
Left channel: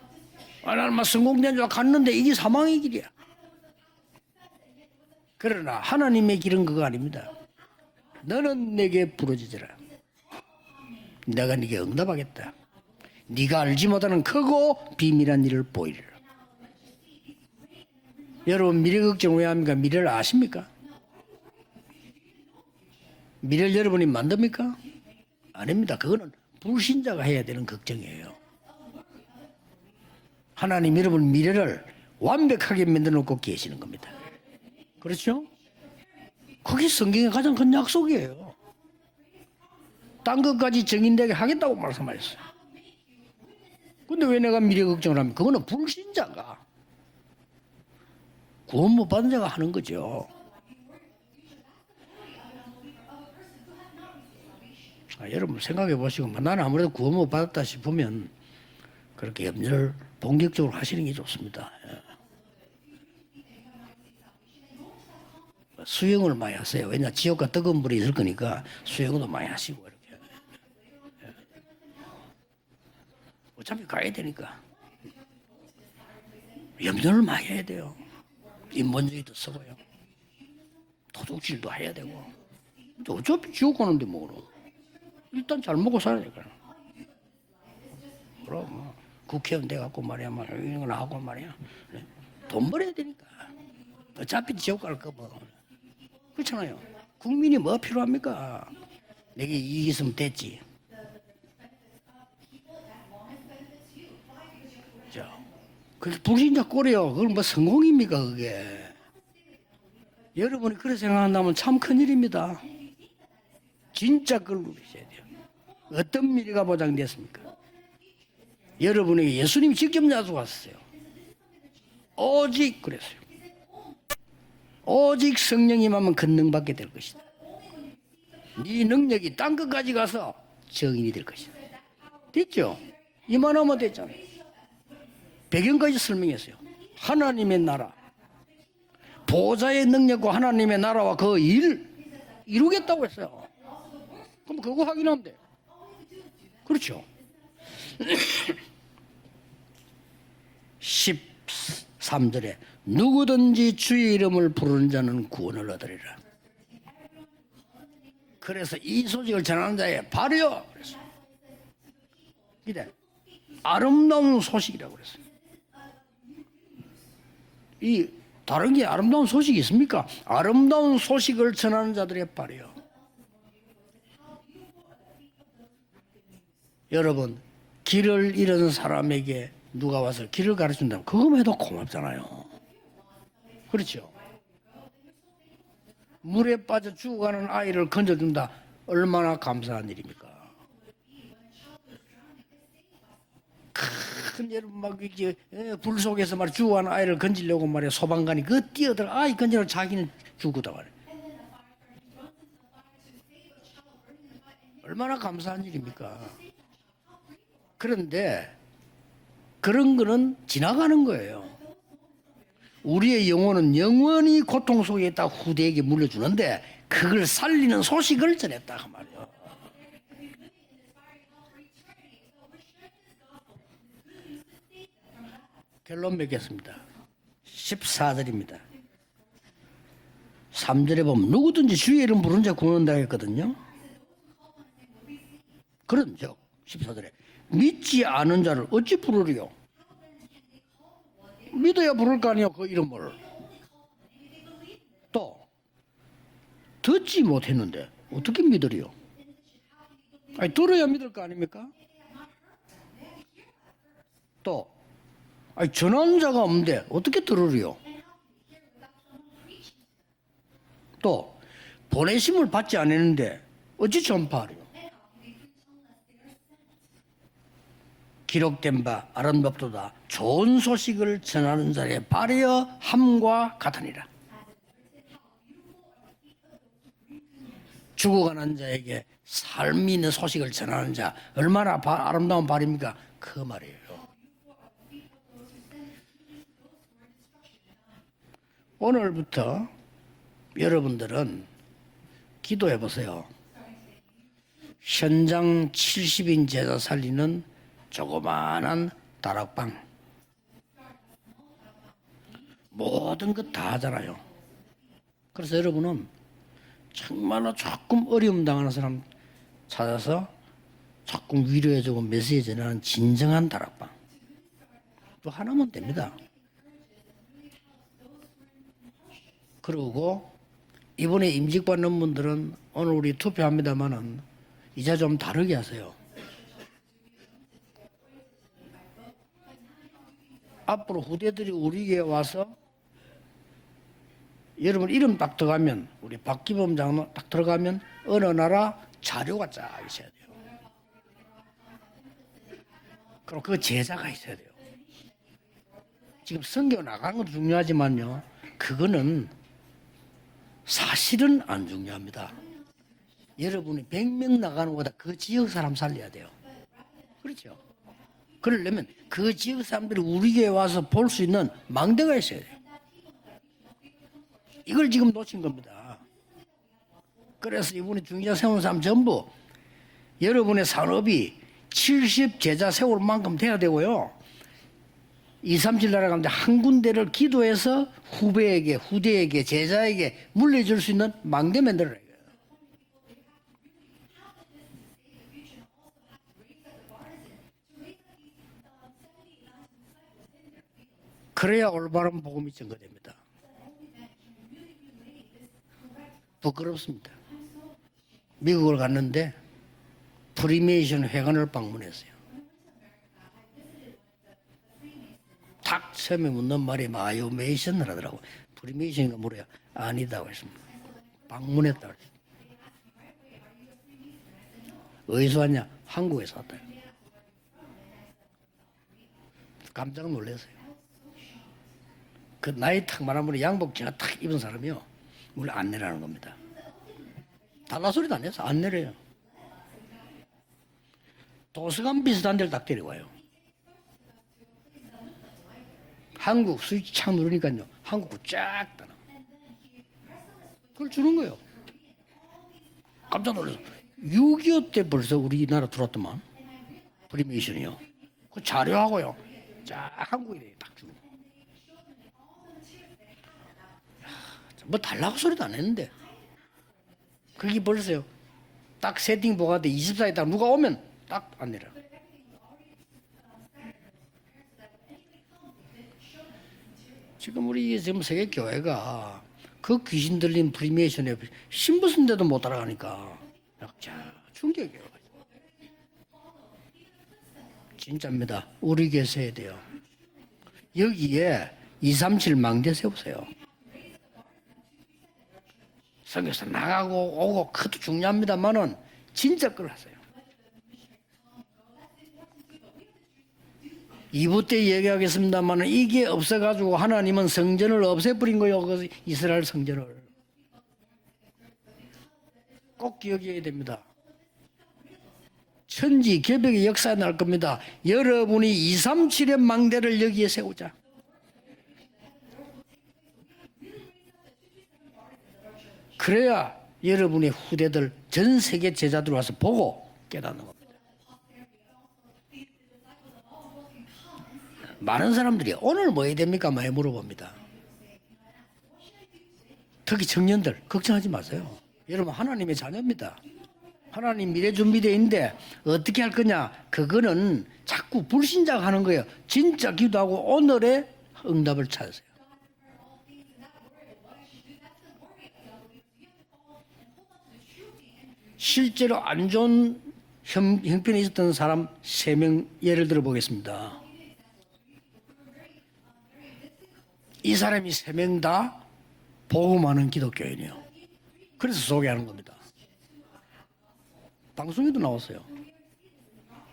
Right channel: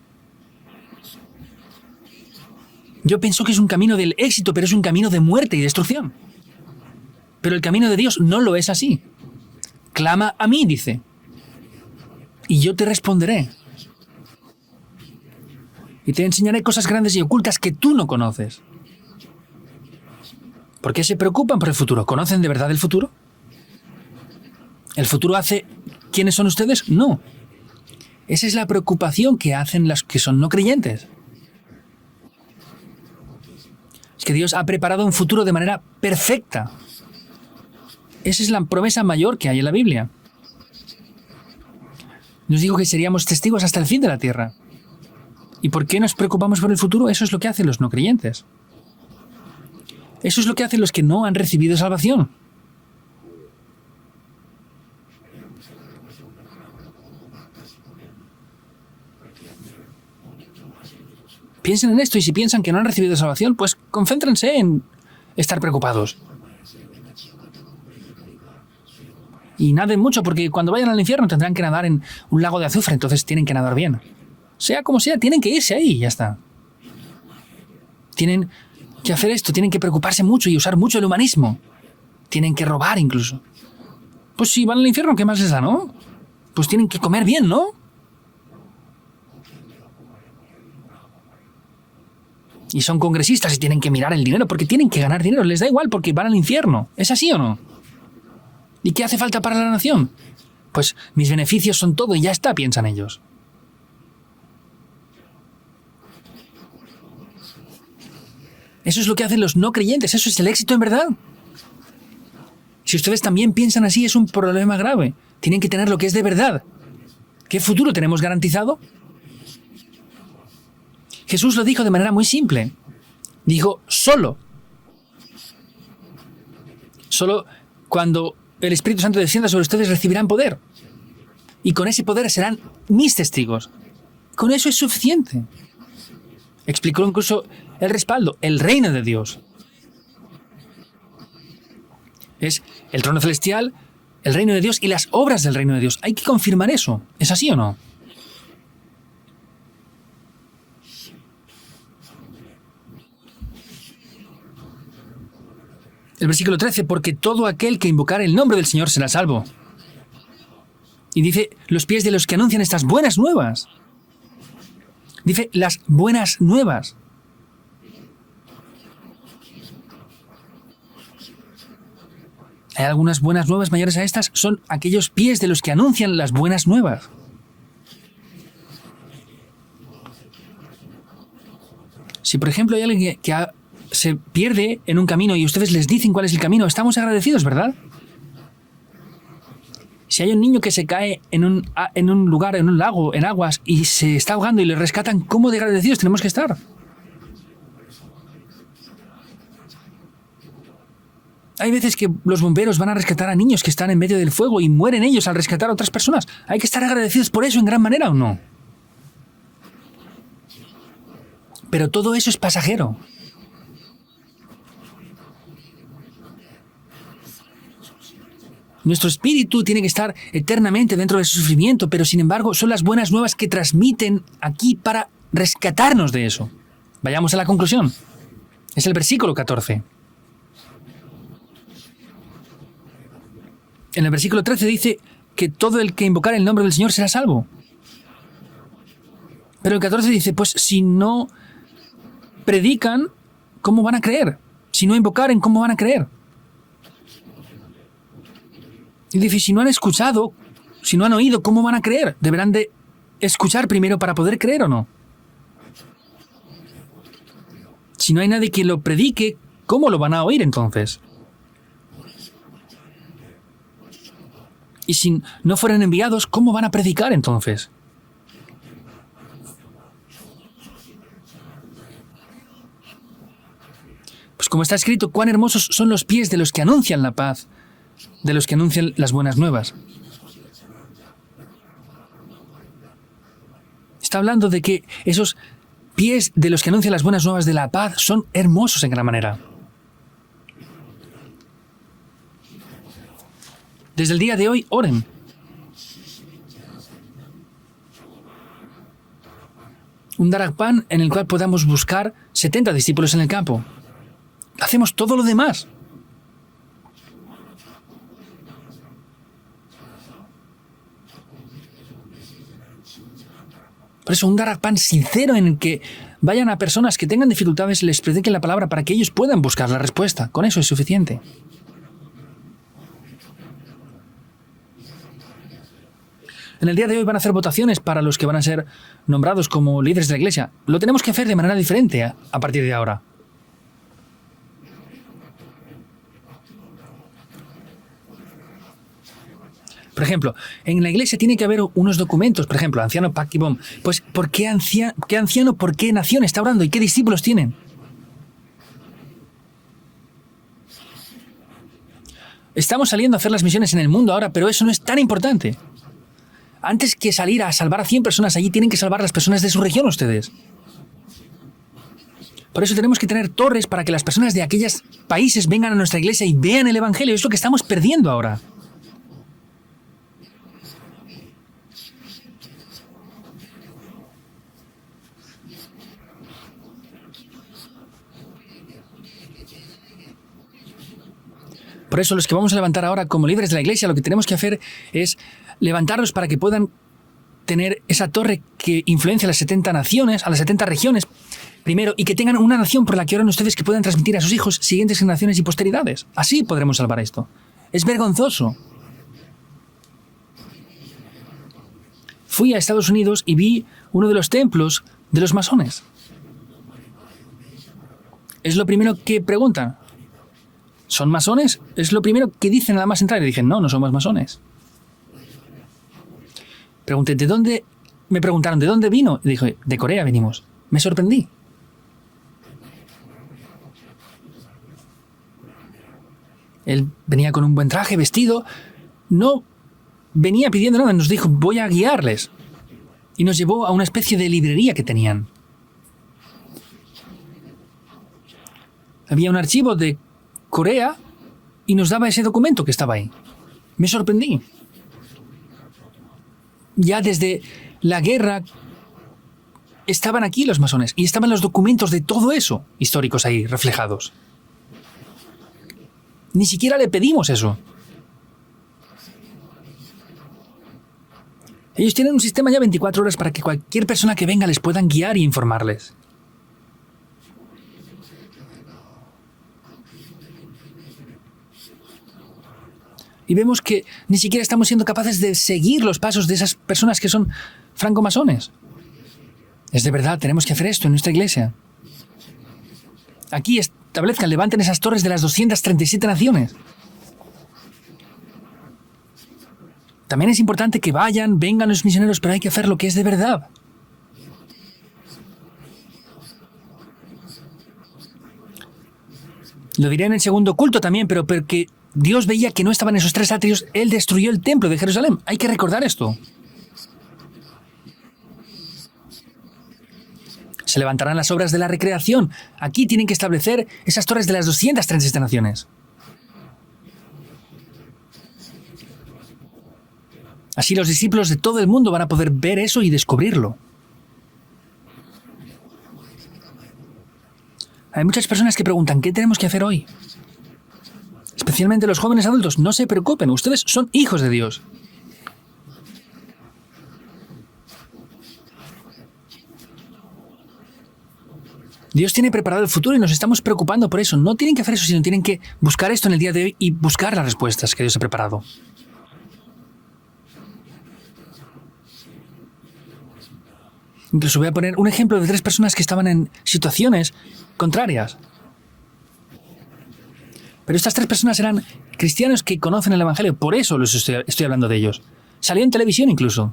나는 막 성공된 줄 갔는데 이게 사망의 길이야. Yo pienso que es un camino del éxito, pero es un camino de muerte y 그러나 destrucción. 하나님의 길은 그거 아닙니다. Pero el camino de Dios no lo es así. 내게 부르짖으라. Clama a mí, dice, 내가 네게 응답하겠다. y yo te responderé. 네가 알지 못하는 크고 비밀한 일을 보이리. Y te enseñaré cosas grandes y ocultas que tú no conoces. 여러분 미래 걱정 왜 합니까? 미래를 아십니까? ¿Por qué se preocupan por el futuro? ¿Conocen de verdad el futuro? 미래를 여러분이 만듭니까? ¿El futuro hace 아닙니다. 그거 quiénes son ustedes? No. 신자가 해야 되는 걱정이에요. Esa es la preocupación que hacen los que son no 하나님 creyentes. 여러분 미래를 완벽하게 만들어 놓고 계시는 겁니다. Es que Dios ha preparado un futuro de manera perfecta. 그게 성경의 가장 큰 약속이에요. Esa es la promesa mayor que hay en la Biblia. 딴 것까지 증인되게 하겠다고 말씀하셨어요. Nos dijo que seríamos testigos hasta el fin de la 근데 왜 tierra. 내가 미래 걱정을 하면 그거는 ¿Y por qué nos preocupamos por el futuro? Eso es lo que hacen los no creyentes. 구원 못 받은 자가 하는 거죠. Eso es lo que hacen los que no han recibido salvación. 여러분 생각해 보시고 나는 아무래도 구원 못 받았다 싶으면 그렇게 염려를 본격적으로 하시는 게 좋습니다. Piensen en esto y si piensan que no han recibido salvación, pues concéntrense en estar preocupados. 수영을 많이 하세요. 왜냐 지옥과 뜨거운 불이 있을 거니까 수영도 많이 하세요. Y naden mucho porque cuando vayan al infierno tendrán que nadar en un lago de azufre, entonces tienen que nadar bien. 가야 되니까 Sea como sea, tienen que irse ahí y ya está. 염려를 많이 해야 돼요. Tienen que hacer esto, tienen que preocuparse mucho y usar mucho el humanismo. 일도 해야 되고. Tienen que robar incluso. 저 지옥 가는데 뭐 Pues si van al infierno, ¿qué más les da, 밥 no? 먹고 살아니까. Pues tienen que comer bien, ¿no? 그럼 국회의원 돼 갖고 말이야, 이런 걸 하고 말이야. 돈 Y son congresistas y tienen que mirar el dinero porque tienen que ganar dinero. Les da igual porque van al infierno. ¿Es así o 이게 no? 뭐 필요합니까? ¿Y qué hace falta para la nación? 됐지. Pues mis beneficios son todo y ya está, piensan ellos. 자, 그게 불신자 꼴이요. 그건 뭐 성공입니까 그게? Eso es lo que hacen los no creyentes. ¿Eso es el éxito en verdad? 생각한다면 참 큰일입니다. Si ustedes también piensan así, es un problema grave. Tienen que tener lo que es de 어떤 verdad. 미래가 보장됐습니까? ¿Qué futuro tenemos garantizado? 여러분에게 예수님이 직접 약속하셨어요. Jesús lo dijo de manera muy simple. 오직 그랬어요. Dijo, solo, 오직 성령이 임하면 권능받게 될 것이다. solo cuando el Espíritu Santo descienda sobre ustedes recibirán poder. 증인이 될 것이다. Y con ese poder serán mis testigos. 이만하면 됐잖아요. Con eso es suficiente. 배경까지 설명했어요. Explicó incluso 하나님의 나라. el respaldo, el reino de Dios. 보좌의 능력과 하나님의 나라와 그 일 Es 이루겠다고. el trono celestial, el reino de Dios y las obras del reino de Dios. Hay que confirmar eso. ¿Es así o no? 13절에 누구든지 주의 이름을 부르는 자는 구원을 얻으리라. El versículo 13, porque todo aquel que invocare el nombre del Señor será salvo. 이걸 전하는 자의 발이요. Y dice, los pies de los que anuncian estas buenas nuevas. 아름다운 소식이라고 그랬어요. Dice, las buenas nuevas. 이 다른 게 아름다운 소식이 있습니까? 아름다운 소식을 전하는 자들의 발이요. Hay algunas buenas nuevas mayores a estas, son aquellos pies de los que anuncian las buenas nuevas. 여러분, 길을 잃은 사람에게 누가 와서 길을 가르친다면 그거만 해도 고맙잖아요. Si, por ejemplo, hay alguien se pierde en un camino y ustedes les dicen cuál es el camino, estamos agradecidos, ¿verdad? 아이를 건져준다. 얼마나 감사한 일입니까? Si hay un niño que se cae en un lugar, en un lago, en aguas, y se está ahogando y le rescatan, ¿cómo de agradecidos tenemos que estar? 죽어가는 아이를 건지려고 말이야 소방관이 그 뛰어들어 아이 건지러 자기는 죽었다 말이야. Hay veces que los bomberos van a rescatar a niños que están en medio del fuego y mueren ellos al rescatar a otras personas. Hay que estar agradecidos por eso en gran manera, ¿o no? 네. 그런 거는 지나가는 거예요. Pero todo eso es pasajero. 우리의 영혼은 영원히 고통 속에 있다 후대에게 물려주는데 그걸 살리는 소식을 전했다. Nuestro espíritu tiene que estar eternamente dentro de su sufrimiento, pero sin embargo son las buenas nuevas que transmiten aquí para rescatarnos de eso. Vayamos a la conclusión. 4절입니다. Es el versículo 14. 3절에 보면 누구든지 주의 이름 부른 자 구원한다 했거든요. En el versículo 13 dice que todo el que invocar el nombre del Señor será salvo. 믿지 않은 자를 어찌 부르리요? Pero el 14 dice, pues si no 믿어야 부를 거 아니야. predican, ¿cómo van a creer? Si no invocaren, ¿cómo van a creer? 듣지 못했는데 어떻게 믿으리요? Y dice, si no han escuchado, 아니, 들어야 si no han 믿지. oído, ¿cómo van a creer? Deberán de escuchar primero para poder creer o no. 아니, 전하는 자가 없는데 어떻게 들으리요? Si no hay nadie que lo predique, ¿cómo lo van a oír entonces? 또 보내심을 받지 않았는데 어찌 전파하리요? Y si no fueran enviados, ¿cómo van a predicar entonces? 기록된 바 아름답도다 좋은 소식을 전하는 자의 발이여 함과 같으니라. Pues como está escrito, cuán hermosos son los pies de los que anuncian la paz, de los que anuncian las buenas nuevas. 삶 있는 소식을 전하는 자 얼마나 아름다운 발입니까? 그 말이에요. Está hablando de que esos pies de los que anuncian las buenas nuevas de la paz son hermosos en gran manera. 오늘부터 여러분들은 기도해 보세요. Desde el día de hoy, oren. 현장 70인 제자 살리는 조그마한 다락방. Un darakpan en el cual podamos buscar 70 discípulos en el campo. 다 하잖아요. Hacemos todo lo demás. 여러분은 정말로 조금 어려움 당하는 사람 찾아서 조금 위로해주고 메시지 전하는 진정한 다락방. Por eso, un darakpan sincero en el que vayan a personas que tengan dificultades, les prediquen la palabra para que ellos puedan buscar la respuesta. Con eso es suficiente. 이번에 임직받는 분들은 오늘 우리 투표합니다만은 이제 좀 다르게 하세요. En el día de hoy van a hacer votaciones para los que van a ser nombrados como líderes de la iglesia. Lo tenemos que hacer de manera diferente a partir de ahora. 여러분 이름 딱 들어가면 우리 박기범 장로 딱 들어가면 어느 나라 자료가 쫙 있어요. Por ejemplo, en la iglesia tiene que haber unos documentos. Por ejemplo, anciano Pakibon. Pues, ¿por qué anciano? ¿Por qué nación está orando? ¿Y qué discípulos tienen? 중요하지만요. 그거는 사실은 안 중요합니다. Estamos saliendo a hacer las misiones en el mundo ahora, pero eso no es tan importante. 사람 살려야 돼요. Antes que salir a salvar a 100 personas, allí tienen que salvar a las personas de su región ustedes. 우리 교회 와서 볼 수 있는 망대가 있어요. Por eso tenemos que tener torres para que las personas de aquellos países vengan a nuestra iglesia y vean el Evangelio. Es lo que estamos perdiendo ahora. 세운 사람 전부 여러분의 산업이 70 제자 세울 만큼 돼야 되고요. 2, 3칠 날아가는데 한 군데를 기도해서 후대에게, 제자에게 물려줄 수 있는 망대 만들어. Por eso los que vamos a levantar ahora como líderes de la iglesia, lo que tenemos que hacer es levantarlos para que puedan tener esa torre que influencia a las 70 naciones, a las 70 regiones, primero, y que tengan una nación por la que oran ustedes que puedan transmitir a sus hijos, siguientes generaciones y posteridades. Así podremos salvar esto. Es vergonzoso. 미국을 갔는데 프리메이션 회관을 방문했어요. Fui a Estados Unidos y vi uno de los templos de los masones. 딱 처음에 묻는 말이 마요메이션을 하더라고. Es lo primero que preguntan. 아니다고 했습니다. ¿Son masones? Es lo primero que dicen nada más entrar. Y dije, no, no somos masones. 어디서 왔냐? 한국에서 왔다. Pregunté, ¿de dónde? Me preguntaron, ¿de dónde vino? Y dije, de Corea venimos. Me sorprendí. 그 나이 탁 많은 분이 양복 제가 탁 입은 사람이요. 물 안 내라는 겁니다. Él venía con un buen traje, vestido. 안 내려요. No venía pidiendo nada, nos dijo, voy a guiarles. 싼 데를 딱 데려와요. Y nos llevó a una especie de librería que tenían. 한국 스위치 착 누르니까요. 한국 쫙 따라. Había un archivo de Corea 주는 거예요. y nos daba ese documento que estaba ahí. 깜짝 놀랐어. Me sorprendí. 6.25 때 벌써 우리나라 들어왔더만. Ya desde la guerra 자료하고요. 자, estaban aquí los masones y estaban los documentos de todo eso históricos ahí reflejados. 뭐 달라고 소리도 안 했는데. Ni siquiera le pedimos eso. 여기 벌써요. 딱 세팅 보가 때 24일 딱 누가 오면 딱 안 내려. Ellos tienen un sistema ya 24 horas para que cualquier persona que venga les puedan guiar y informarles. 지금 우리 지금 세계 교회가 그 귀신 들린 프리메이션에 신부선데도 못 따라가니까. Y vemos que ni siquiera estamos siendo capaces de seguir los pasos de esas personas que son francomasones. 우리 교회에 돼요. Es de verdad, tenemos que hacer esto en nuestra iglesia. 237 망대 세우세요. Aquí establezcan, levanten esas torres de las 237 naciones. 나가고 오고 그것도 중요합니다만은 진짜 걸 하세요. También es importante que vayan, vengan los misioneros, pero hay que hacer lo que es de verdad. 2부 때 얘기하겠습니다만은 이게 없어가지고 하나님은 성전을 없애버린 거예요. 그 이스라엘 성전을. Lo diré en el segundo culto también, pero porque Dios veía que no estaban esos tres atrios, Él destruyó el templo de Jerusalén. Hay que recordar esto. 천지 개벽의 역사에 날 겁니다. 여러분이 237의 망대를 여기에 세우자. Se levantarán las obras de la recreación. Aquí tienen que establecer esas torres de las 237 naciones. 그래야 여러분의 후대들 전 세계 제자들 와서 보고 깨닫는 거. Así los discípulos de todo el mundo van a poder ver eso y descubrirlo. 많은 사람들이 오늘 뭐 해야 됩니까? 많이 물어봅니다. Hay muchas personas que preguntan, ¿qué tenemos que hacer hoy? 특히 청년들 걱정하지 마세요. Especialmente los jóvenes adultos, no se preocupen, ustedes son hijos de Dios. 준비되어 있는데 어떻게 할 거냐? 그거는 자꾸 불신자가 하는 거예요. 진짜 기도하고 오늘의 응답을 찾아. Dios tiene preparado el futuro y nos estamos preocupando por eso. No tienen que hacer eso, sino tienen que buscar esto en el día de hoy y buscar las respuestas que Dios ha preparado. 실제로 안 좋은 형편에 있었던 사람 3명 예를 들어 보겠습니다. Incluso voy a poner un ejemplo de 3 personas que estaban en situaciones 이 사람이 contrarias. 3명 다 복음하는 기독교인이에요. Pero estas 3 personas eran cristianos que conocen el Evangelio, por eso estoy hablando de ellos. Salió en televisión incluso.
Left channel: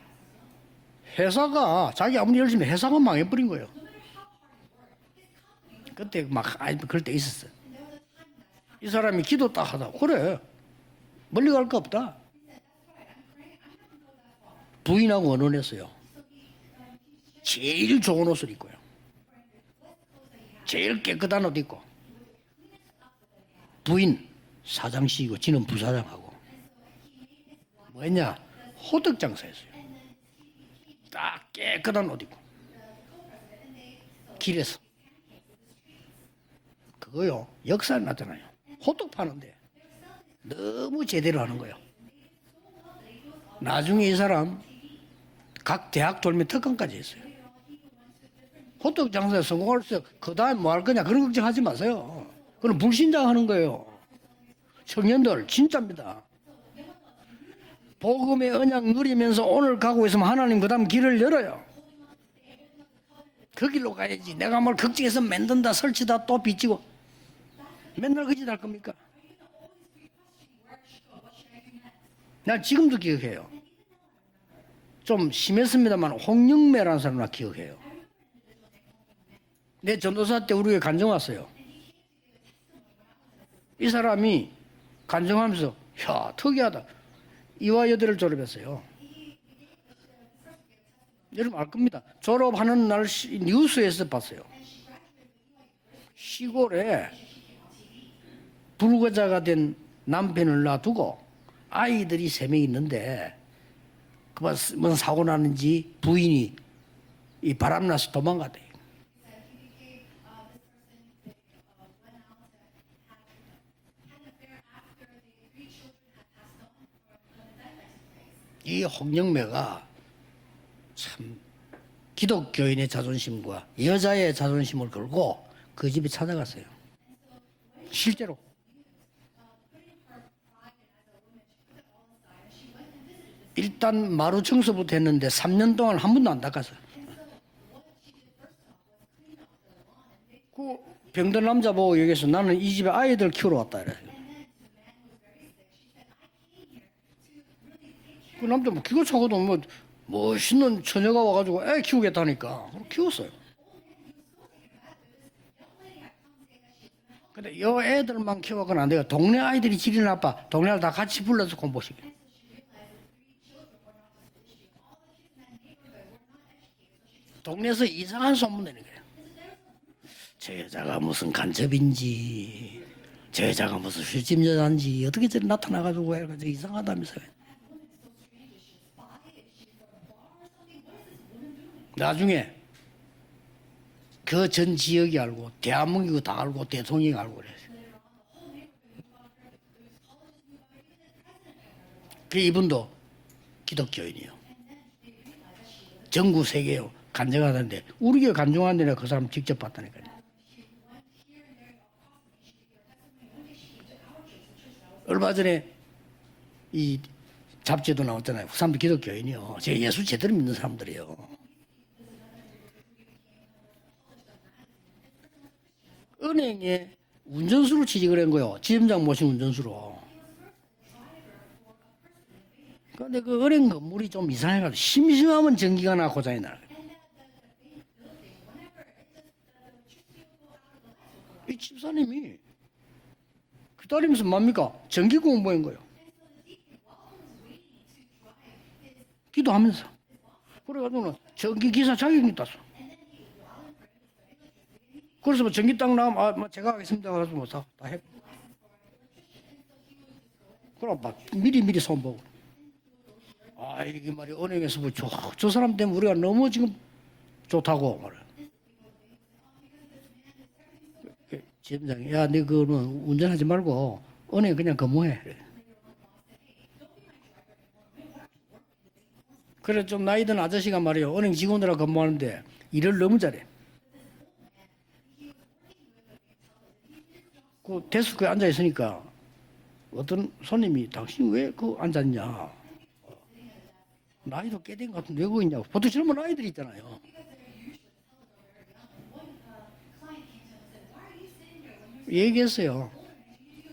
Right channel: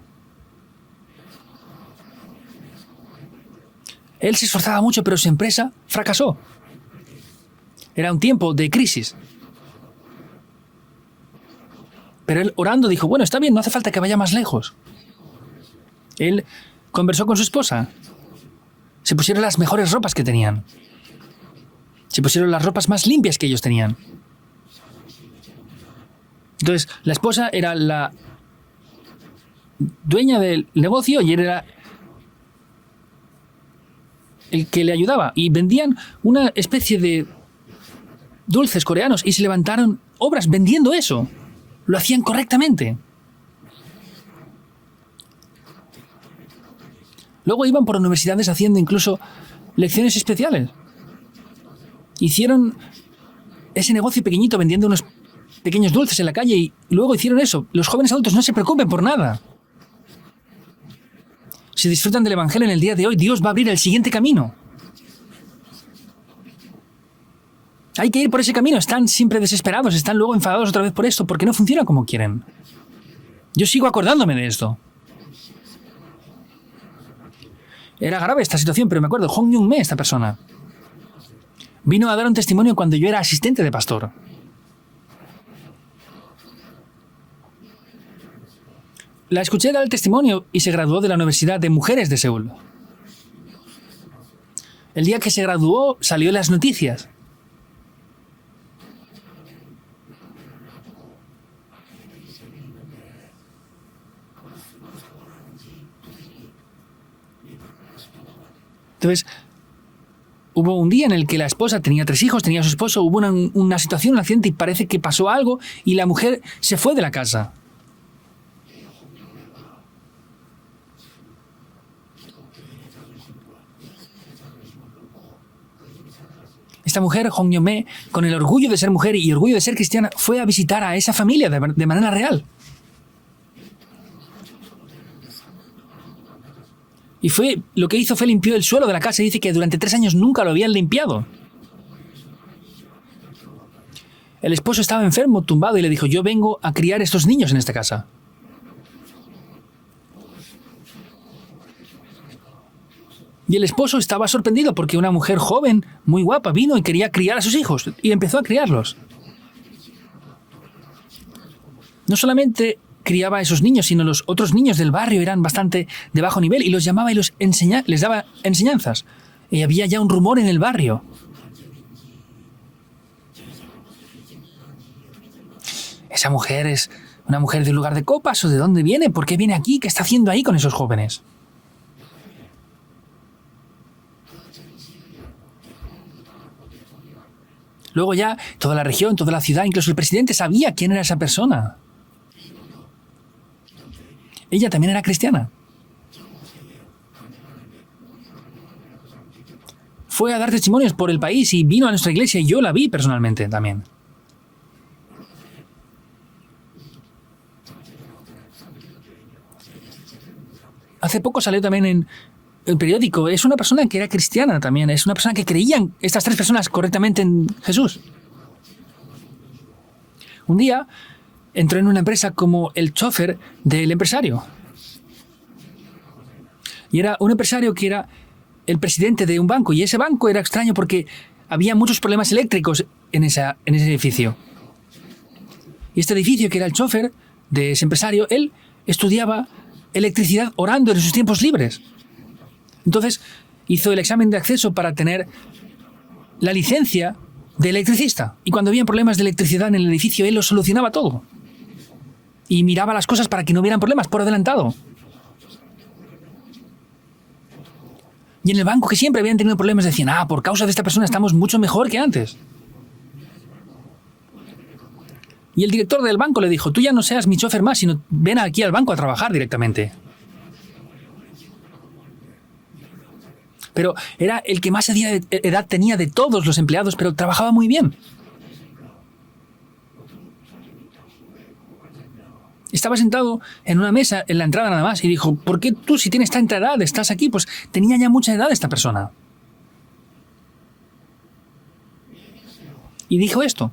회사가 자기 아무리 열심히 회사가 망해버린 거예요. Él se esforzaba mucho, pero su empresa fracasó. 막 아니 그럴 때 있었어요. Era un tiempo de 이 crisis. 사람이 기도 딱 하다 그래 멀리 갈 거 없다. Pero él orando dijo, bueno, está bien, no hace falta que vaya más lejos. 부인하고 언론했어요. Él conversó con su esposa. 제일 좋은 옷을 입고요. Se pusieron las mejores ropas que tenían. 제일 깨끗한 옷 입고 Se pusieron las ropas más limpias que ellos tenían. 부인 사장씨이고 지는 부사장하고 Entonces, la esposa era la 왜냐 호떡 장사했어요. dueña del negocio y él era 깨끗한 옷 입고 el 길에서 que le ayudaba. Y vendían una especie de 뭐요 역사를 나타나요. dulces coreanos y se levantaron obras vendiendo eso. 제대로 하는 거예요. Lo hacían correctamente. 나중에 이 사람 각 대학 돌면 특강까지 했어요. Luego iban por universidades haciendo incluso 호떡 장사에 성공할 lecciones especiales. 뭐할 거냐 그런 걱정하지 마세요. Hicieron 그건 불신자 하는 거예요. ese negocio pequeñito vendiendo unos 청년들 진짜 pequeños dulces en la calle y luego hicieron eso. Los jóvenes adultos no se preocupen por nada. 그래서 오늘 가고 있으면 하나님 그다음 길을 열어요. Si disfrutan del Evangelio en el día de hoy, Dios va a abrir el siguiente camino. 내가 뭘 걱정해서 만든다 설치다 또 빚지고 Hay que ir por ese camino. Están siempre desesperados, están luego enfadados otra vez por esto, porque no funciona como quieren. 나 지금도 기억해요. Yo sigo acordándome de esto. 좀 심했습니다만 홍영매라는 사람 나 기억해요. Era grave esta situación, pero me acuerdo, Hong Young-me, esta 내 persona, 전도사 때 우리에게 간증 왔어요. vino a dar un testimonio cuando yo era asistente de 이 pastor. 사람이 간증하면서 야 특이하다. 이화 여대를 졸업했어요. La escuché dar el testimonio y se graduó de la Universidad de Mujeres de Seúl. 졸업하는 날 뉴스에서 봤어요. El día que se graduó salió en las noticias. 불구자가 된 남편을 놔두고 아이들이 3명 있는데 그만 뭔 사고 나는지 부인이 이 바람나서 도망가대. Entonces, hubo un día en el que la esposa tenía 3 hijos, tenía a su esposo, hubo una situación, un accidente y parece que pasó algo y la mujer se fue de la casa. 이 홍영매가 참 기독교인의 자존심과 여자의 자존심을 걸고 그 집에 찾아갔어요. Esta mujer, Hong Young-me, con el orgullo de ser mujer y orgullo de ser cristiana, fue a visitar a esa familia de manera real. 일단 마루 청소부터 했는데 3년 동안 한 번도 안 닦았어요. Y lo que hizo fue limpió el suelo de la casa y dice que durante 3 años nunca lo habían limpiado. 병든 남자 보고 여기서 나는 이 집에 아이들 키우러 왔다 이랬어요. El esposo estaba enfermo, tumbado, y le dijo, yo vengo a criar estos niños en esta casa. 그 남자 뭐 기고 차고도 뭐 멋있는 처녀가 와가지고 애 키우겠다니까 키웠어요. Y el esposo estaba sorprendido porque una mujer joven, muy guapa, vino y quería criar a sus hijos y empezó a criarlos. 동네 아이들이 질이 나빠. 동네를 다 같이 불러서 공부시켜. No solamente criaba a esos niños, sino los otros niños del barrio eran bastante de bajo nivel y los llamaba y les daba enseñanzas. Y había ya un rumor en el barrio. 무슨 간첩인지 제자가 무슨 술집 여자인지 어떻게 저리 나타나가지고. Esa mujer es una mujer de un lugar de copas o de dónde viene, por qué viene aquí, qué está haciendo ahí con esos jóvenes. 나중에 그 전 지역이 알고 대한민국 다 알고 대통령이 알고 그랬어요. Luego ya toda la región, toda la ciudad, incluso el presidente sabía quién era esa persona. 그 이분도 기독교인이요. Ella también era cristiana. 전국 세계에 간증하던데 우리 교회 간증하는 데는 그 사람 직접 봤다니까요. Fue a dar testimonios por el país y vino a nuestra iglesia y yo la vi personalmente también. 얼마 전에 이 잡지도 나왔잖아요. 그 사람도 기독교인이요. 제 예수 제대로 믿는 사람들이에요. Hace poco salió también en el periódico. Es una persona que era cristiana también. Es una persona que creían estas tres personas correctamente en 운전수로 Jesús. 취직을 한 거요. 지점장 모신 운전수로. Un día entró en una empresa como el chofer del empresario. 이상해가지고 심심하면 전기가 나 고장이 나. Y era un empresario que era el presidente de un banco. Y ese banco era extraño porque había muchos problemas eléctricos en ese edificio. 뭡니까? 전기 공부한 거예요. Y este edificio, que era el chofer de ese empresario, él estudiaba 그것도 하면서. electricidad orando en sus tiempos libres. 기사 자격이 땄어. Entonces hizo el examen de acceso para tener 그래서 뭐 전기 딱 나면 la licencia de electricista. Y cuando había problemas de electricidad en el edificio, él lo solucionaba todo. 미리 손 보고. Y miraba las cosas para que no hubieran problemas por adelantado. 그래서 뭐 저 사람 때문에 우리가 너무 지금 좋다고. Y en el banco, que siempre habían tenido problemas, decían, por causa de esta persona estamos mucho mejor que 야, antes. 네 운전하지 말고 은행 그냥 근무해. Y el director del banco le dijo, tú ya no seas mi chofer más, sino ven aquí al banco a trabajar 그래 directamente. 좀 나이 든 아저씨가 말이에요. 은행 직원들하고 근무하는데 일을 너무 잘해. Pero era el que más edad tenía de todos los empleados, pero trabajaba muy bien. 데스크에 앉아 있으니까 어떤 손님이 당신 왜 그 앉았냐? Estaba sentado en una mesa en la entrada nada más y dijo, ¿por qué tú si tienes tanta edad estás aquí? Pues tenía ya mucha edad esta persona. 얘기했어요. Y dijo esto.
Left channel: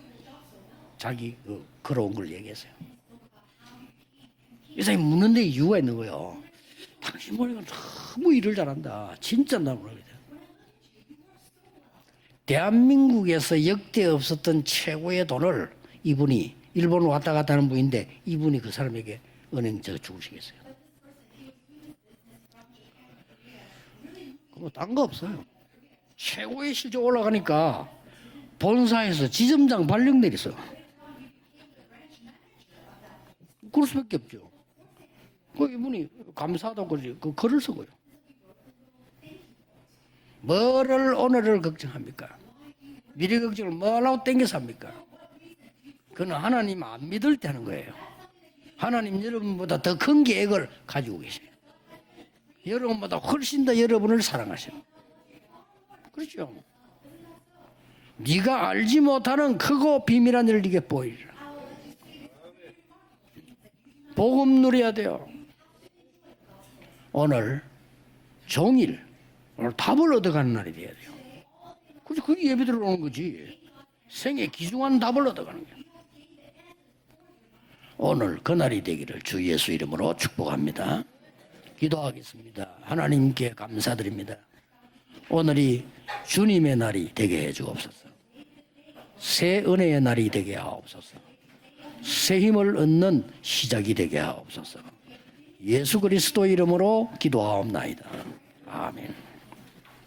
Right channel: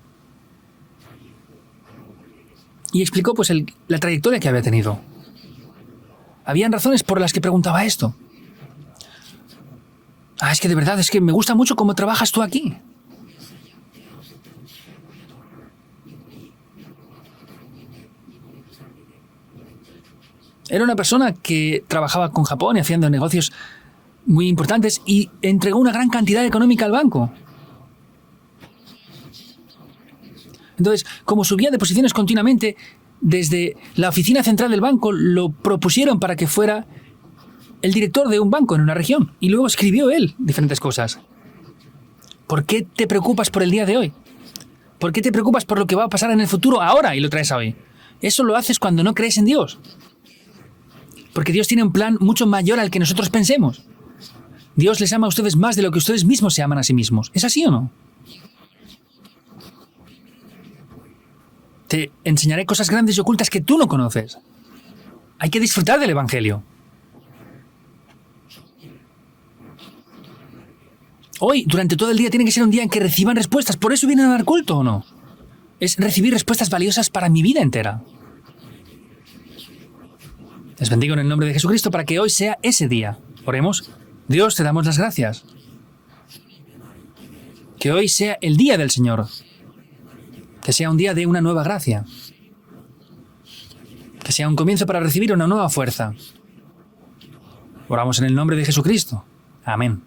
자기 걸어온 걸 얘기했어요. Y explicó pues la trayectoria que había tenido. 선생님 묻는 데 이유가 있는 거예요. Habían razones por las que preguntaba esto. 너무 일을 잘한다. 진짜 나 모르겠다. Es que de verdad, es que me gusta mucho cómo trabajas tú aquí. 대한민국에서 역대 없었던 최고의 돈을 이분이 일본 왔다 갔다 하는 분인데 이분이 그 사람에게 은행 저 주시겠어요. Era una persona que trabajaba con Japón y haciendo negocios muy importantes y entregó una gran cantidad económica al banco. 올라가니까 본사에서 지점장 발령 내렸어. Entonces, como subía de posiciones continuamente, desde la oficina central del banco lo propusieron para que fuera 그 글을 쓰고. el director de un banco en una región. Y luego escribió él diferentes cosas. 오늘을 걱정합니까? ¿Por qué te preocupas por el día de hoy? 뭐라고 땡겨삽니까? ¿Por qué te preocupas por lo que va a pasar en el futuro ahora y lo traes a hoy? Eso lo haces cuando no crees en Dios. 더큰 계획을 가지고 계세요. Porque Dios tiene un plan mucho mayor al que nosotros pensemos. 여러분을 사랑하셔. Dios les ama a ustedes más de lo que ustedes mismos se aman a sí mismos. ¿Es así o no? 네가 알지 못하는 크고 비밀한 일을 네게 보이라. Te enseñaré cosas grandes y ocultas que tú no conoces. 복음 누려야 돼요. Hay que disfrutar del Evangelio. 오늘 종일 오늘 답을 얻어가는 날이 돼야 돼요. Hoy, durante todo el día, tiene que ser un día en que reciban respuestas. ¿Por eso vienen a dar culto o no? 답을 얻어가는 거예요. Es recibir respuestas valiosas para mi vida entera. 오늘 그 날이 되기를 주 예수 이름으로 축복합니다. Les bendigo en el nombre de Jesucristo para que hoy sea ese día. Oremos. Dios, te damos las gracias. 오늘이 주님의 날이 되게 해주고 Que hoy sea el día del Señor. 새 은혜의 날이 되게 하고 Que sea un día de una nueva gracia. 새 힘을 얻는 시작이 되게 Que 하고 sea un comienzo para recibir una nueva 예수 fuerza. 그리스도 이름으로 기도하옵나이다. Oramos en el nombre de Jesucristo. Amén.